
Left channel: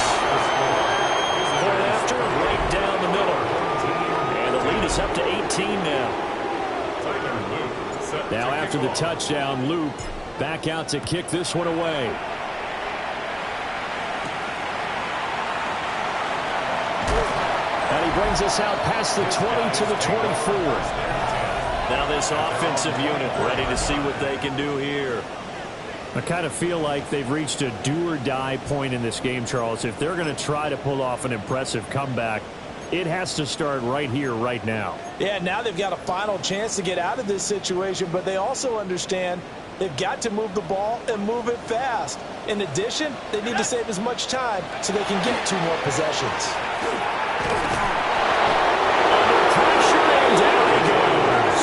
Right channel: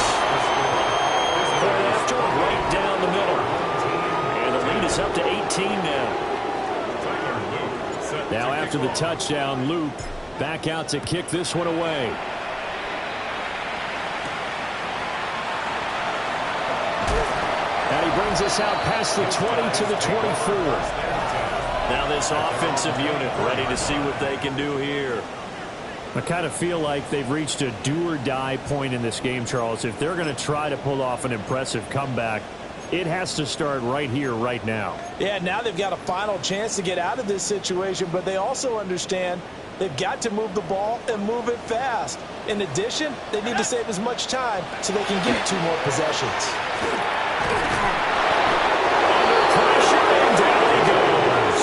Point after, right down the middle. And the lead is up to 18 now. Now after the touchdown, Loop back out to kick this one away. And he brings us out past the 20 to the 24. Now this offensive unit ready to see what they can do here. I kind of feel like they've reached a do-or-die point in this game, Charles. If they're going to try to pull off an impressive comeback, it has to start right here, right now. Yeah, now they've got a final chance to get out of this situation, but they also understand they've got to move the ball and move it fast. In addition, they need to save as much time so they can get 2 more possessions. Under pressure, and down he goes.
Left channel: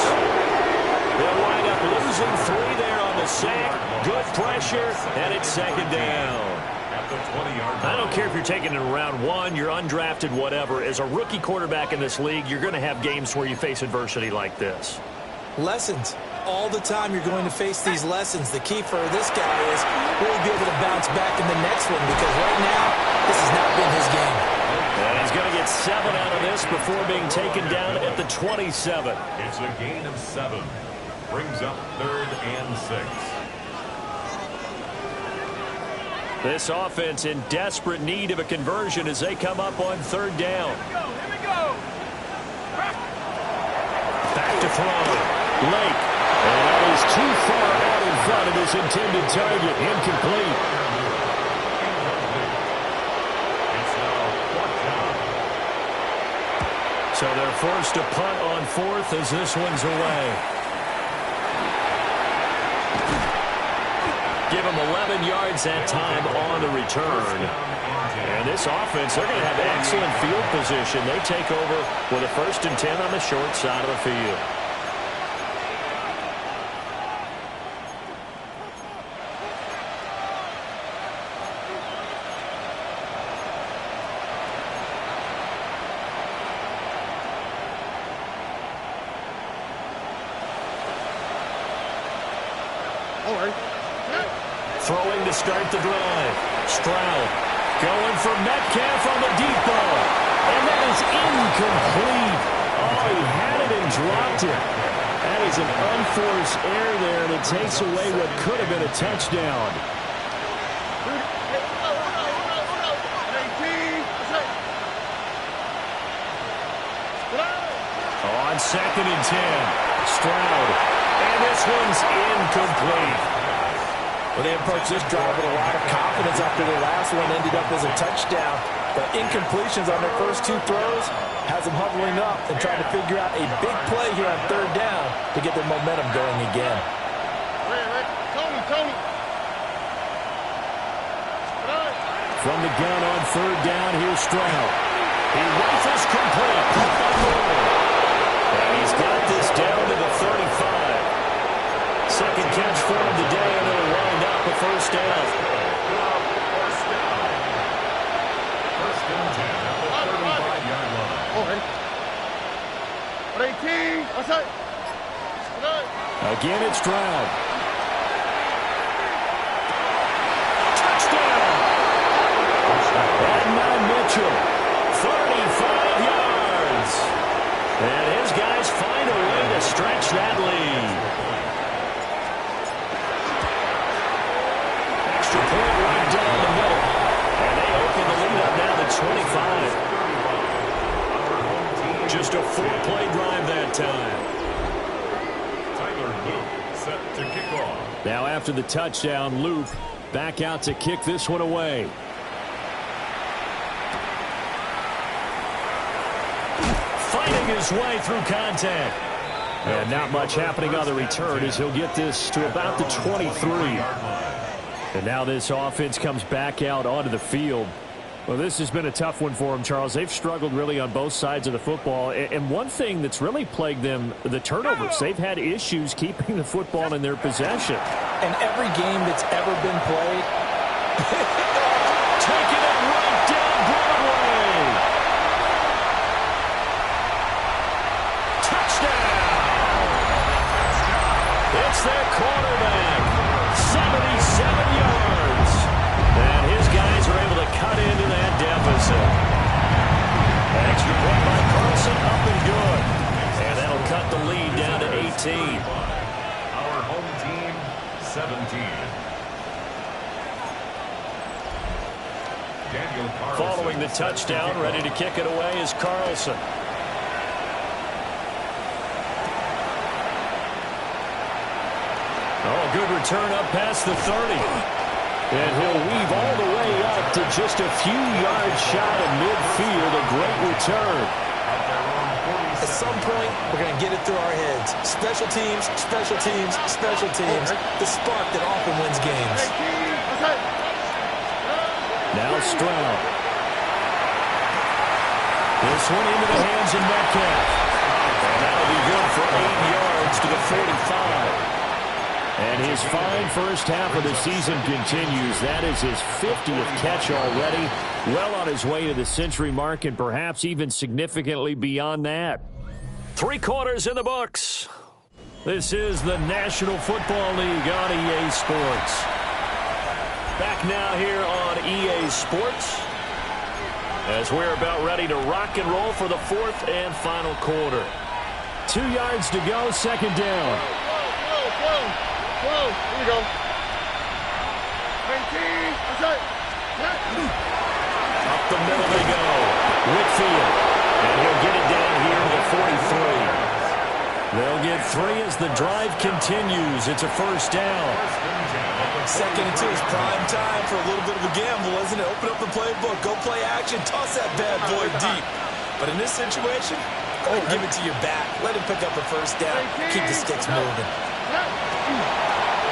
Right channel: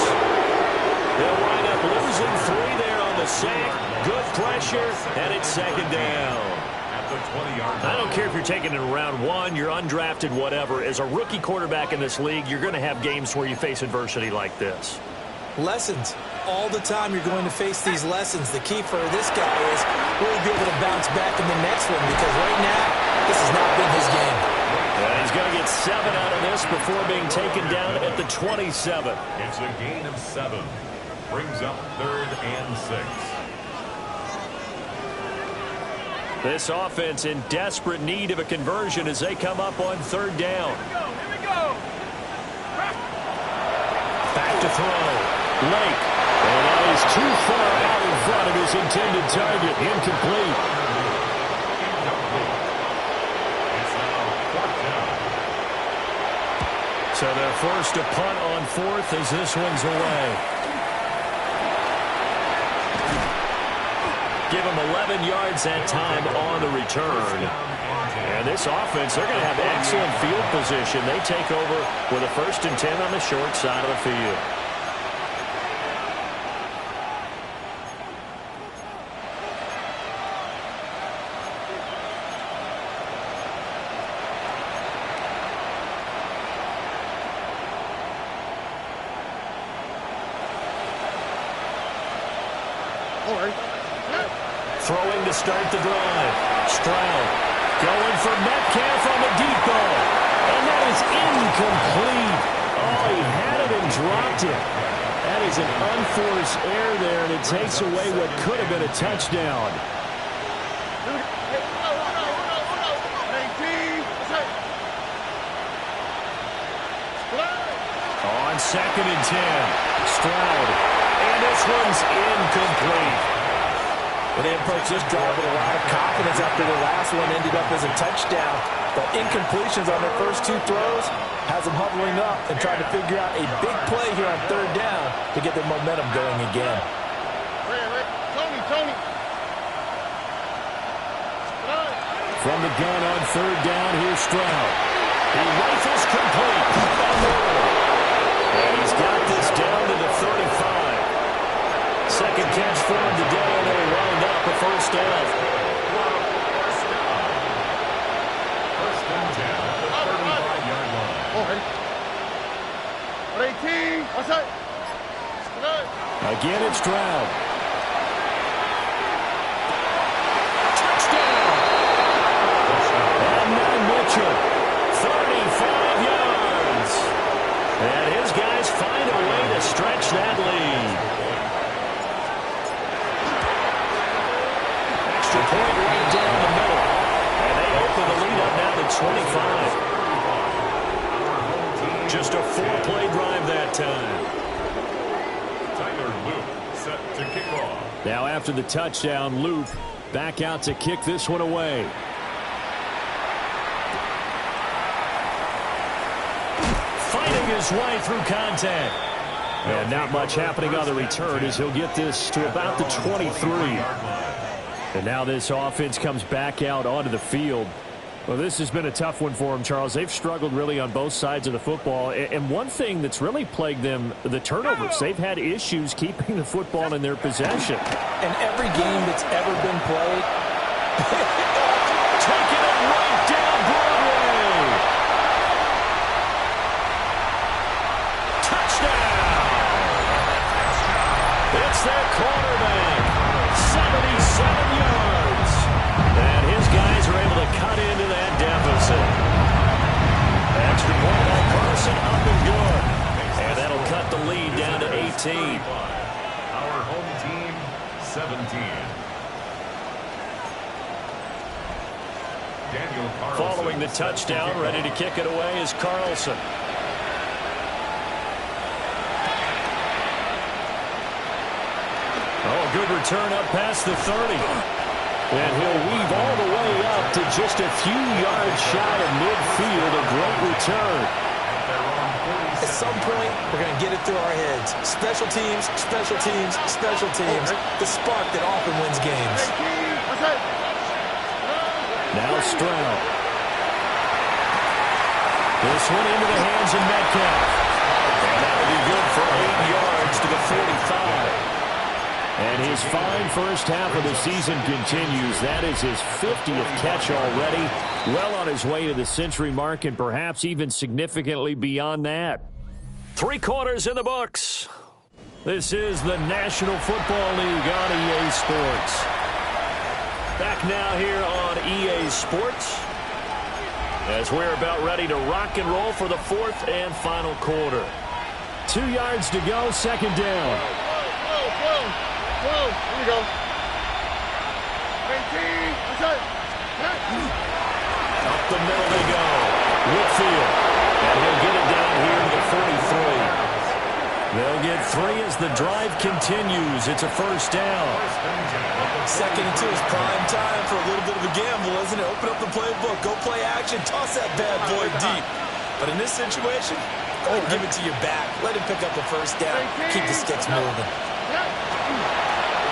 They'll wind up losing 3 there on the sack. Good pressure, and it's second down. At the 20-yard line. I don't care if you're taking it in round 1, you're undrafted, whatever. As a rookie quarterback in this league, you're going to have games where you face adversity like this. Lessons. All the time you're going to face these lessons. The key for this guy is will he be able to bounce back in the next one, because right now, this has not been his game. And he's going to get 7 out of this before being taken down at the 27. It's a gain of 7. Brings up 3rd and 6. This offense in desperate need of a conversion as they come up on 3rd down. Here we go. Back to throw. Lake. And that is too far out in front of his intended target. Incomplete. It's now 4th down. So they're forced to punt on 4th as this one's away. Give them 11 yards that time on the return. And this offense, they're going to have excellent field position. They take over with a 1st and 10 on the short side of the field. All right. Throwing to start the drive. Stroud going for Metcalf on the deep ball. And that is incomplete. Oh, he had it and dropped it. That is an unforced error there, and it takes away what could have been a touchdown. On 2nd and 10. Stroud. And this one's incomplete. Well, they approached this drive with a lot of confidence after their last one ended up as a touchdown. But incompletions on their first two throws has them huddling up and trying to figure out a big play here on third down to get their momentum going again. Tony. From the gun on third down, here's Stroud. He rifles complete. Caught by Moore. And he's got this down to the 35. Second catch for him today, and it'll wind up a first down. First and 10 at the 35-yard line. 18. Outside. Again, it's Stroud. Touchdown! And Mitchell, 35 yards. And his guys find a way to stretch that lead. Extra point right down the middle. And they open the lead up now to 25. Just a 4-play drive that time. Tyler Luke set to kick off. Now after the touchdown, Loop back out to kick this one away. Fighting his way through contact. And not much happening on the return as he'll get this to about the 23. And now this offense comes back out onto the field. Well, this has been a tough one for them, Charles. They've struggled really on both sides of the football. And one thing that's really plagued them, the turnovers. They've had issues keeping the football in their possession. And every game that's ever been played, taking it right down Broadway. Touchdown! It's their quarterback. 77 yards. And his guys are able to cut into that deficit. Extra point by Carlson, up and good. And that'll cut the lead down to 18. Our home team, 17. Daniel Carlson. Following the touchdown, ready to kick it away is Carlson. Oh, a good return up past the 30. And he'll weave all the way up to just a few yards shy of midfield. A great return. At some point, we're going to get it through our heads. Special teams, special teams, special teams. The spark that often wins games. Now Stroud. This one into the hands of Metcalf. And that'll be good for 8 yards to the 45. And his fine first half of the season continues. That is his 50th catch already. Well on his way to the century mark and perhaps even significantly beyond that. 3 quarters in the books. This is the National Football League on EA Sports. Back now here on EA Sports as we're about ready to rock and roll for the 4th and final quarter. 2 yards to go, second down. Whoa, here we go. 19, outside. Up the middle they go. Whitfield. And he'll get it down here to the 43. They'll get 3 as the drive continues. It's a first down. 2nd and 2 is prime time for a little bit of a gamble, isn't it? Open up the playbook, go play action, toss that bad boy deep. But in this situation, go ahead and give it to your back. Let him pick up a first down. Keep the sticks moving.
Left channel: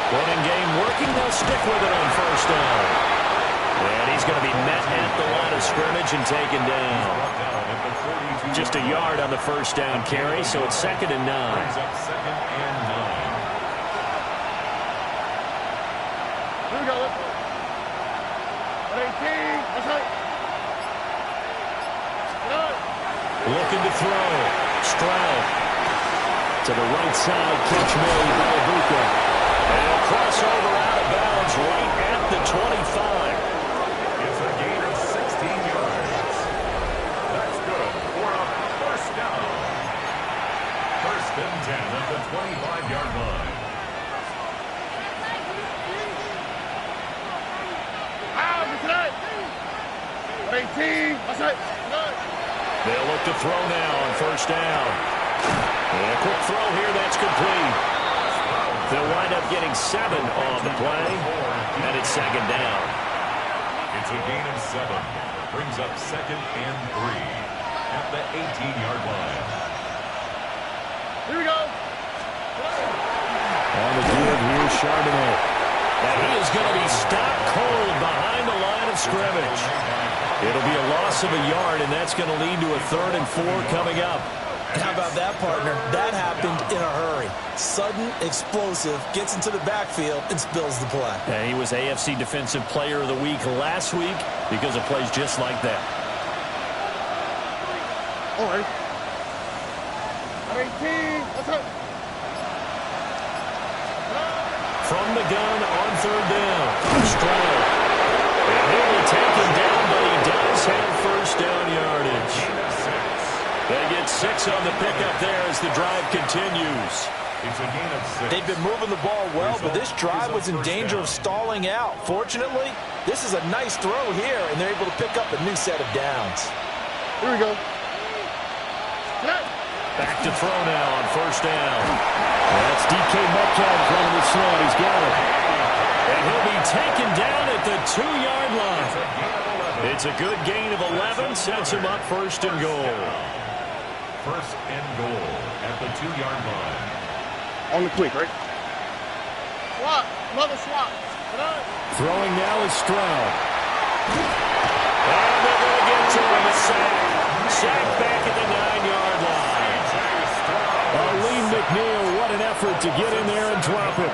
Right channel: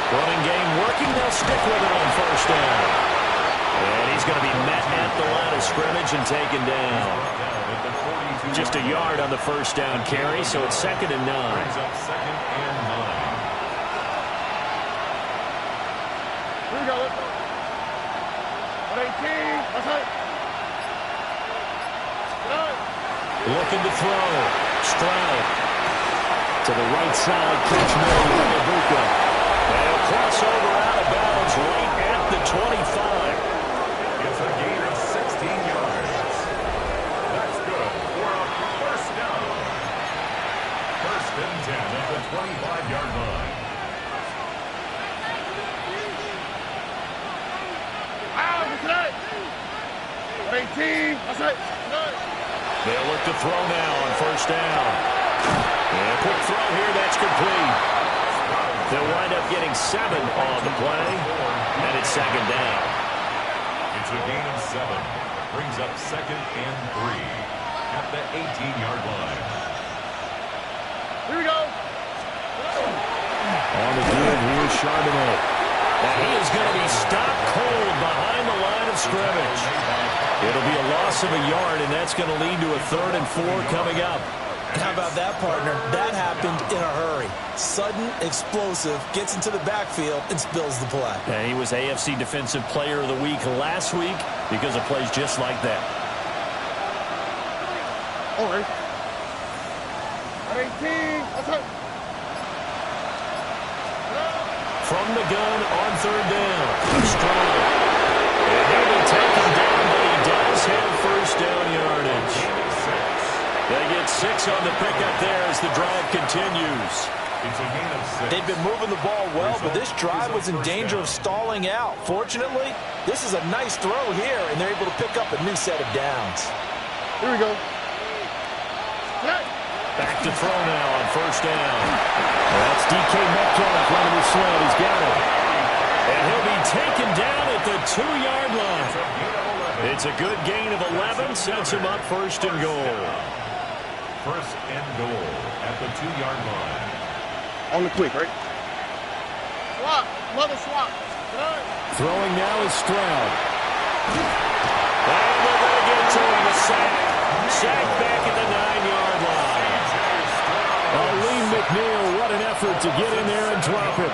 Running game working. They'll stick with it on first down. And he's going to be met at the line of scrimmage and taken down. Just a yard on the first down carry, so it's 2nd and 9. Brings up 2nd and 9. Here we go. 18, outside. Looking to throw. Stroud. To the right side, catch made by Ibuka. And he'll cross over out of bounds right at the 25. It's a gain of 16 yards. That's good for a first down. 1st and 10 at the 25-yard line. Outside. 18, outside. They'll look to throw now on first down. And a quick throw here, that's complete. They'll wind up getting 7 on the play, and it's second down. It's a gain of 7. Brings up 2nd and 3 at the 18-yard line. Here we go. On the give, here's Charbonnet. And he is going to be stopped cold behind the line of scrimmage. It'll be a loss of a yard, and that's going to lead to a 3rd and 4 coming up. How about that, partner? That happened in a hurry. Sudden, explosive, gets into the backfield, and spills the play. And he was AFC Defensive Player of the Week last week because of plays just like that. All right. 18. What's up? From the gun on 3rd down. Stroud. And he'll be taken down, but he does have first down yardage. They get 6 on the pickup there as the drive continues. It's a gain of 6. They've been moving the ball well, but this drive was in danger of stalling out. Fortunately, this is a nice throw here, and they're able to pick up a new set of downs. Here we go. Back to throw now on 1st down. That's DK Metcalf running the sled. He's got it. And he'll be taken down at the 2-yard line. It's a good gain of 11. Sets him up 1st and goal. 1st and goal at the 2-yard line. On the quick, right? Swap. Another swap. Throwing now is Stroud. And they're going to get to him. A sack. Sack back at the 9-yard line. Aleem McNeil, what an effort to get in there and drop it.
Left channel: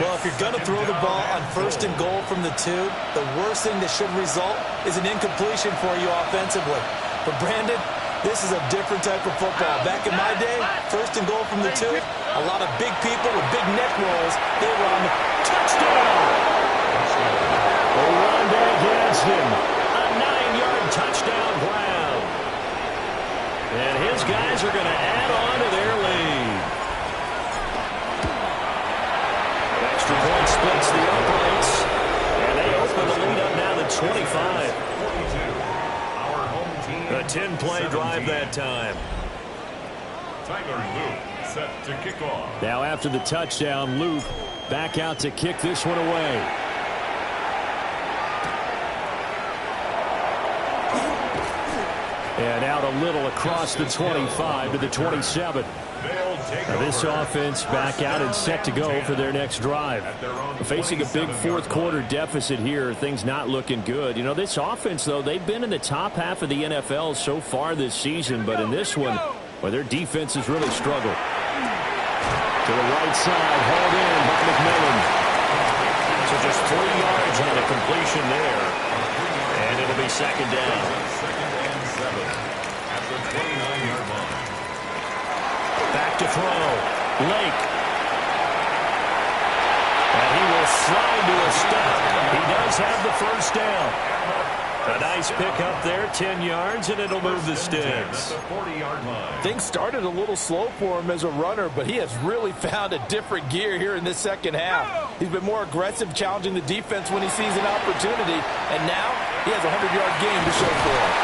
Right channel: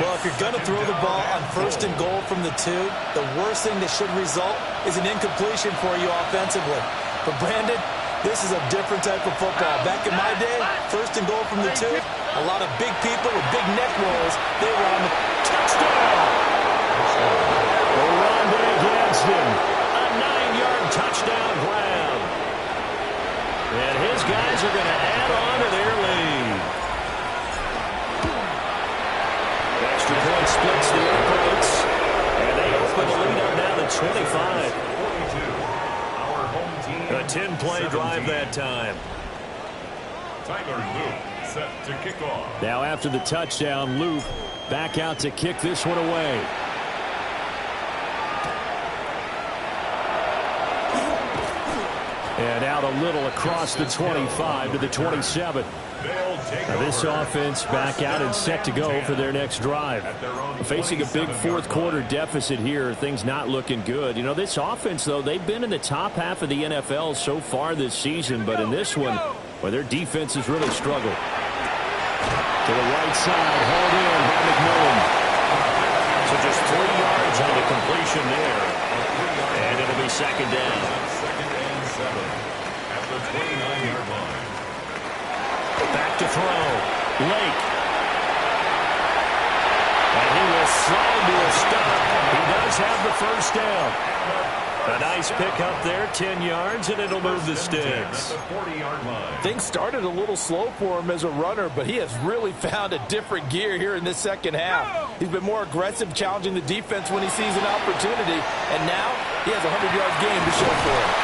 Well, if you're going to throw the ball on 1st and goal from the 2, the worst thing that should result is an incompletion for you offensively. But, Brandon, this is a different type of football. Back in my day, 1st and goal from the 2, a lot of big people with big neck rolls, they were on the touchdown. Rondé Gadsden, a 9-yard touchdown grab. And his guys are going to add on to their lead. Extra point splits the uprights. And they open the lead up now to 25. 42. Our home team. A 10-play drive that time. Tyler Luke set to kick off. Now after the touchdown, Luke back out to kick this one away. And out a little across the 25 to the 27. Now this offense back out and set to go for their next drive. Facing a big 4th quarter deficit here, things not looking good. You know, this offense, though, they've been in the top half of the NFL so far this season, but in this one, well, their defense has really struggled. To the right side, hauled in by McMillan. So just 3 yards on the completion there. And it'll be 2nd down. 2nd and 7 at the 29-yard line. Back to throw. Lake. And he will slide to a stop. He does have the 1st down. A nice pickup there, 10 yards, and it'll move the sticks. 40-yard line. Things started a little slow for him as a runner, but he has really found a different gear here in this 2nd half. He's been more aggressive, challenging the defense when he sees an opportunity, and now he has a 100-yard game to show for it.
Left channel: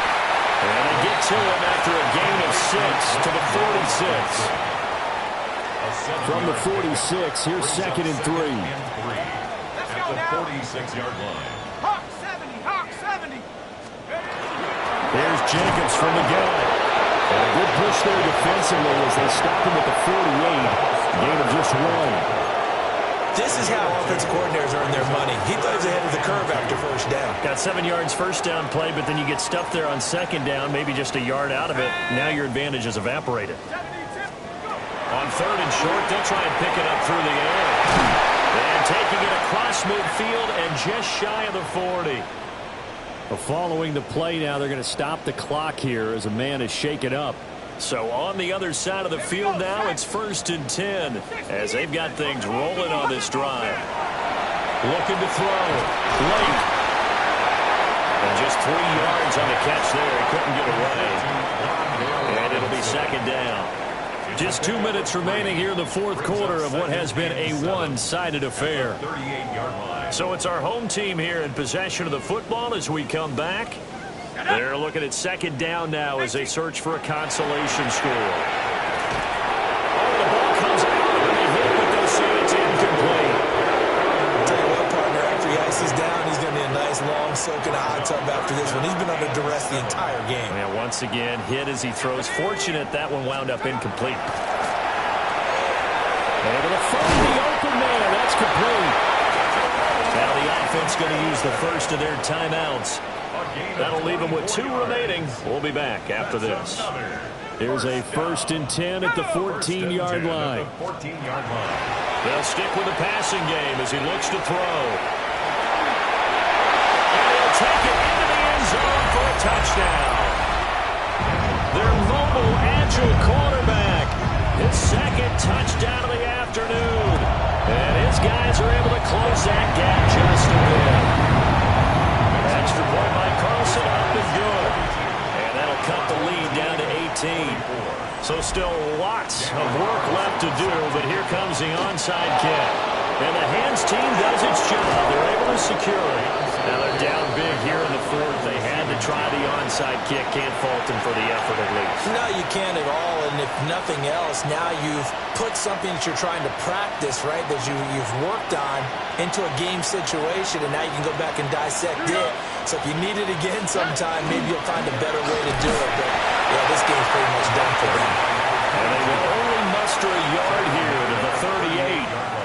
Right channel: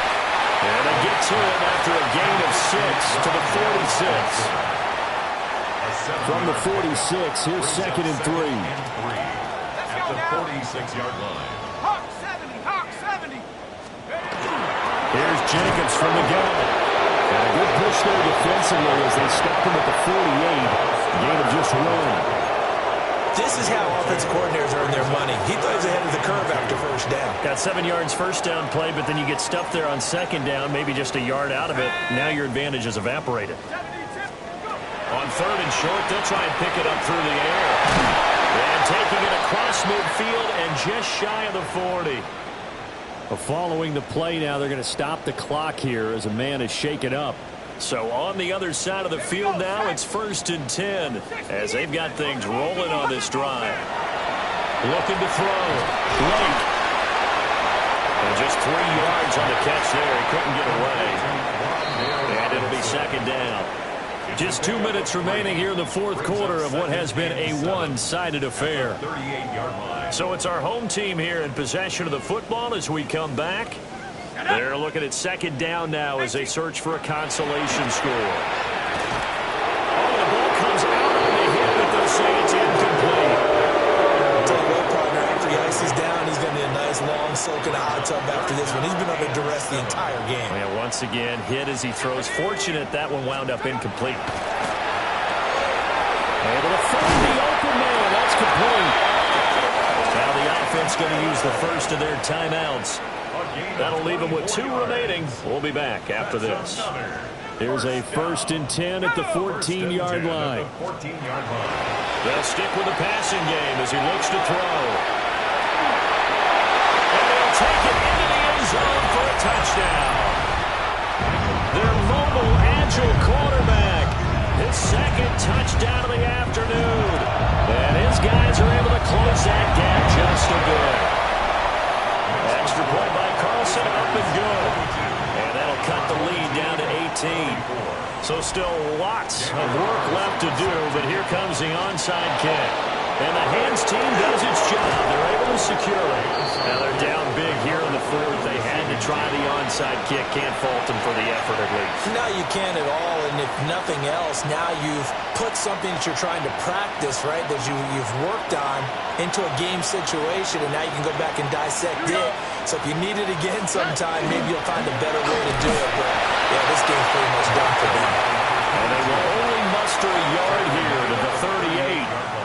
And they get to him after a gain of 6 to the 46. From the 46, here's 2nd and 3. At the 46-yard line. Hawk 70, Hawk 70. Here's Jacobs from the gun. And a good push there defensively as they stop him at the 48. Gain of just 1. This is how offensive coordinators earn their money. He thought he was ahead of the curve after 1st down. Got 7 yards 1st down play, but then you get stuffed there on 2nd down, maybe just a yard out of it. Now your advantage is evaporated. On 3rd and short, they'll try and pick it up through the air. And taking it across midfield and just shy of the 40. Well, following the play now, they're going to stop the clock here as a man is shaken up. So on the other side of the field now, it's 1st and 10 as they've got things rolling on this drive. Looking to throw. Lake. And just 3 yards on the catch there. He couldn't get away. And it'll be 2nd down. Just 2 minutes remaining here in the 4th quarter of what has been a one-sided affair. So it's our home team here in possession of the football as we come back. They're looking at 2nd down now as they search for a consolation score. Oh, the ball comes out of the hit, but they'll say it's incomplete. I'll tell you what, partner, after he ices down, he's going to need a nice long soak in a hot tub after this one. He's been under duress the entire game. Yeah, once again, hit as he throws. Fortunate that one wound up incomplete. Able to find the open man. That's complete. Now the offense going to use the first of their timeouts. That'll leave them with 2 remaining. We'll be back after this. Here's a 1st and 10 at the 14-yard line. They'll stick with the passing game as he looks to throw. And he'll take it into the end zone for a touchdown. Their mobile, agile quarterback. His 2nd touchdown of the afternoon. And his guys are able to close that gap just a bit. Extra point by Carlson, up and good. And that'll cut the lead down to 18. So still lots of work left to do, but here comes the onside kick. And the hands team does its job. They're able to secure it. Now they're down big here in the 4th. They had to try the onside kick. Can't fault them for the effort at least. No, you can't at all. And if nothing else, now you've put something that you're trying to practice, right, that you've worked on into a game situation, and now you can go back and dissect it. So if you need it again sometime, maybe you'll find a better way to do it. But, yeah, this game's pretty much done for them. And they will only muster a yard here to the 38.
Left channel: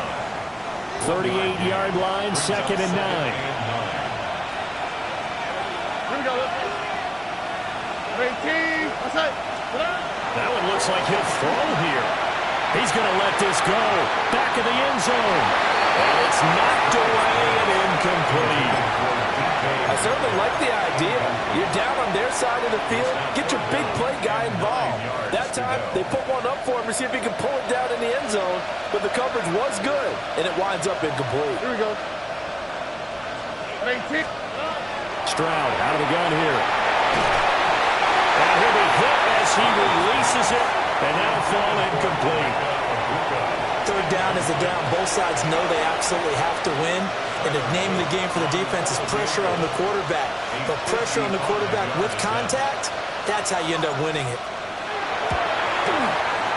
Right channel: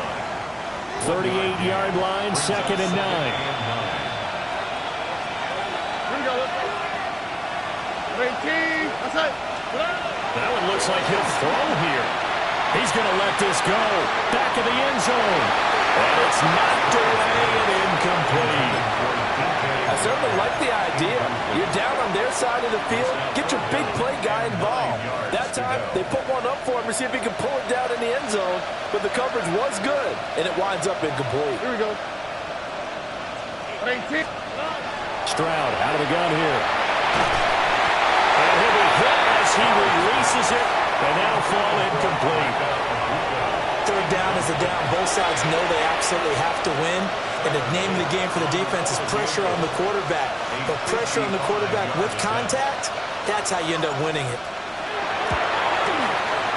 38-yard line, 2nd and 9. Here we go. 18. Outside. That one looks like he'll throw here. He's going to let this go. Back of the end zone. And it's knocked away and incomplete. I certainly like the idea. You're down on their side of the field. Get your big play guy involved. That time, they put one up for him to see if he can pull it down in the end zone. But the coverage was good, and it winds up incomplete. Here we go. 18. Stroud out of the gun here. And he'll be hit as he releases it. And that'll fall incomplete. 3rd down is a down. Both sides know they absolutely have to win. And the name of the game for the defense is pressure on the quarterback. But pressure on the quarterback with contact, that's how you end up winning it.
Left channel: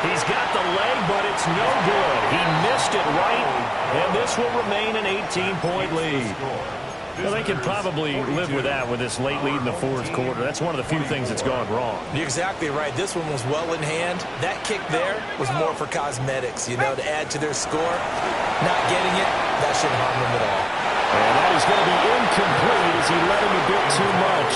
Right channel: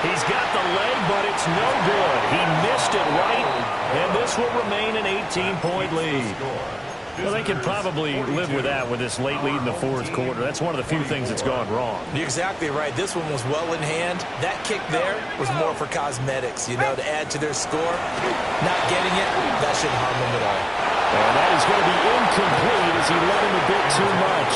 He's got the leg, but it's no good. He missed it right, and this will remain an 18-point lead. Well, they can probably live with that with this late lead in the 4th quarter. That's one of the few things that's gone wrong. You're exactly right. This one was well in hand. That kick there was more for cosmetics, you know, to add to their score. Not getting it, that shouldn't harm them at all. And that is going to be incomplete as he let him a bit too much.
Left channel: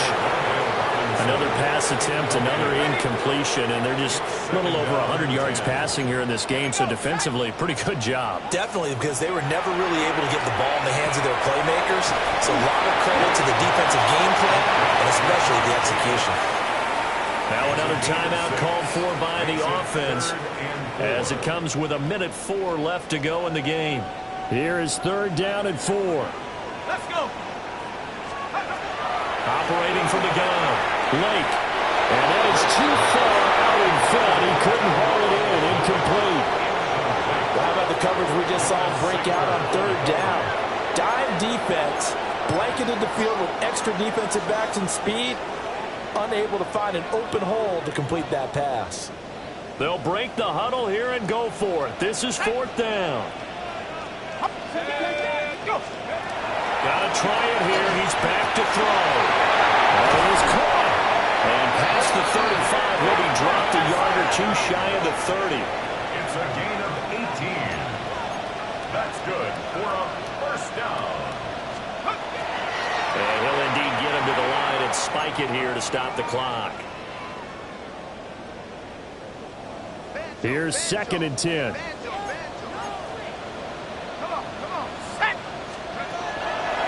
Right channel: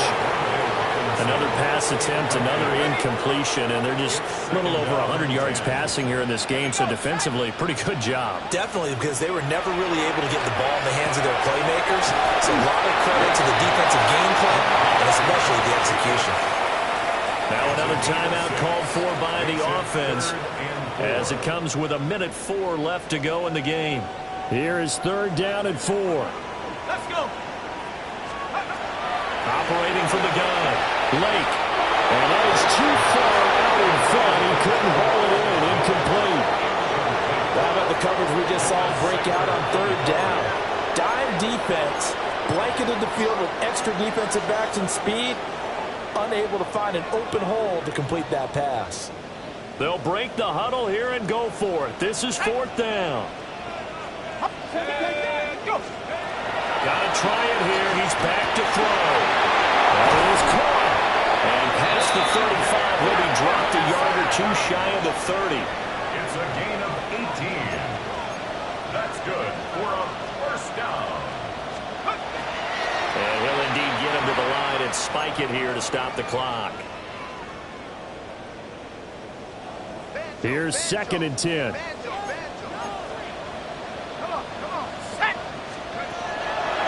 Another pass attempt, another incompletion, and they're just a little over 100 yards passing here in this game, so defensively, pretty good job. Definitely, because they were never really able to get the ball in the hands of their playmakers, so a lot of credit to the defensive game plan, and especially the execution. Now another timeout called for by the offense as it comes with 1:04 left to go in the game. Here is 3rd down and 4. Let's go. Operating from the gun, Lake. And that is too far out in front. He couldn't haul it in. Incomplete. How about the coverage we just saw him break out on 3rd down? Dime defense, blanketed the field with extra defensive backs and speed, unable to find an open hole to complete that pass. They'll break the huddle here and go for it. This is 4th down. Go. Got to try it here. He's back to throw. That is caught. And past the 35, he'll be dropped a yard or two shy of the 30. It's a gain of 18. That's good for a 1st down. And he'll indeed get him to the line and spike it here to stop the clock. Here's 2nd and 10.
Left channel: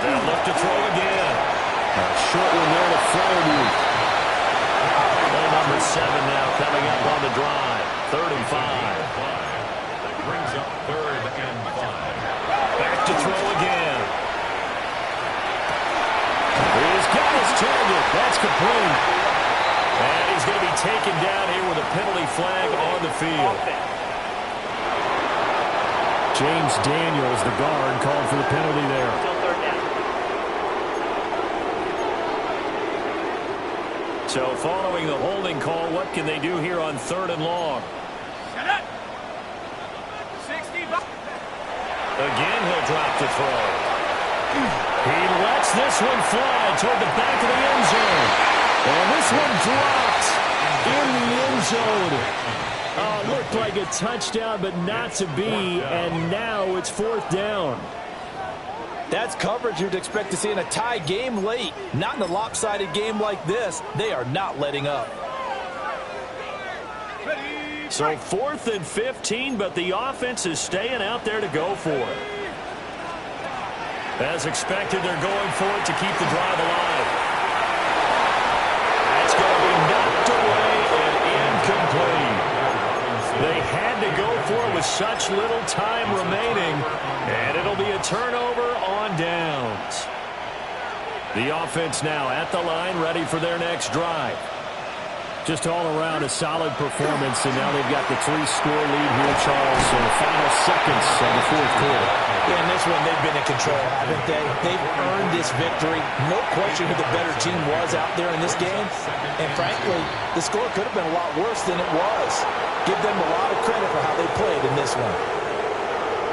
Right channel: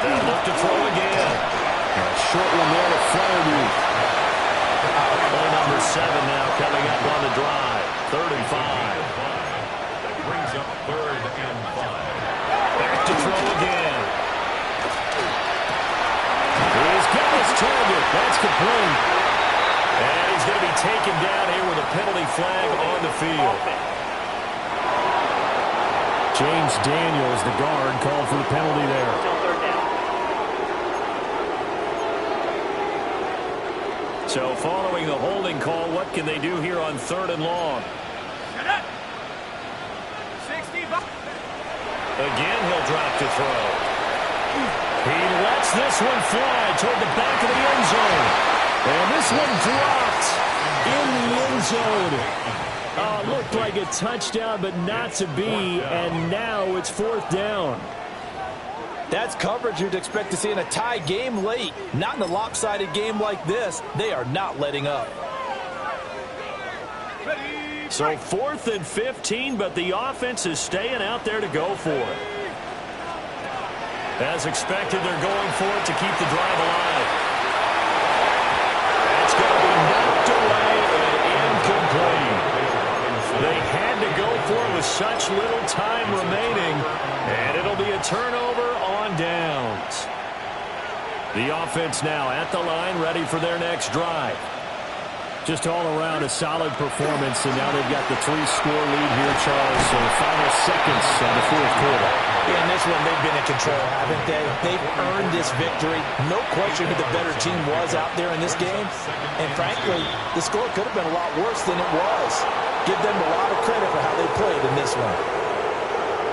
They'll look to throw again. A short one there to Fryermuth. Play number 7 now coming up on the drive. 3rd and 5. That brings up 3rd and 5. Back to throw again. He's got his target. That's complete. And he's going to be taken down here with a penalty flag on the field. James Daniels, the guard, called for the penalty there. Still 3rd down. So following the holding call, what can they do here on 3rd and long? Shut up. 60. Again, he'll drop to throw. He lets this one fly toward the back of the end zone. And this one dropped in the end zone. Looked like a touchdown, but not to be. And now it's 4th down. That's coverage you'd expect to see in a tie game late. Not in a lopsided game like this. They are not letting up. So 4th and 15, but the offense is staying out there to go for it. As expected, they're going for it to keep the drive alive. That's going to be knocked away and incomplete. They had to go for it with such little time remaining, and it'll be a turnover on downs. The offense now at the line, ready for their next drive. Just all around a solid performance, and now they've got the 3-score lead here, Charles. So the final seconds of the 4th quarter. Yeah, in this one, they've been in control, haven't they? They've earned this victory. No question who the better team was out there in this game. And frankly, the score could have been a lot worse than it was. Give them a lot of credit for how they played in this one.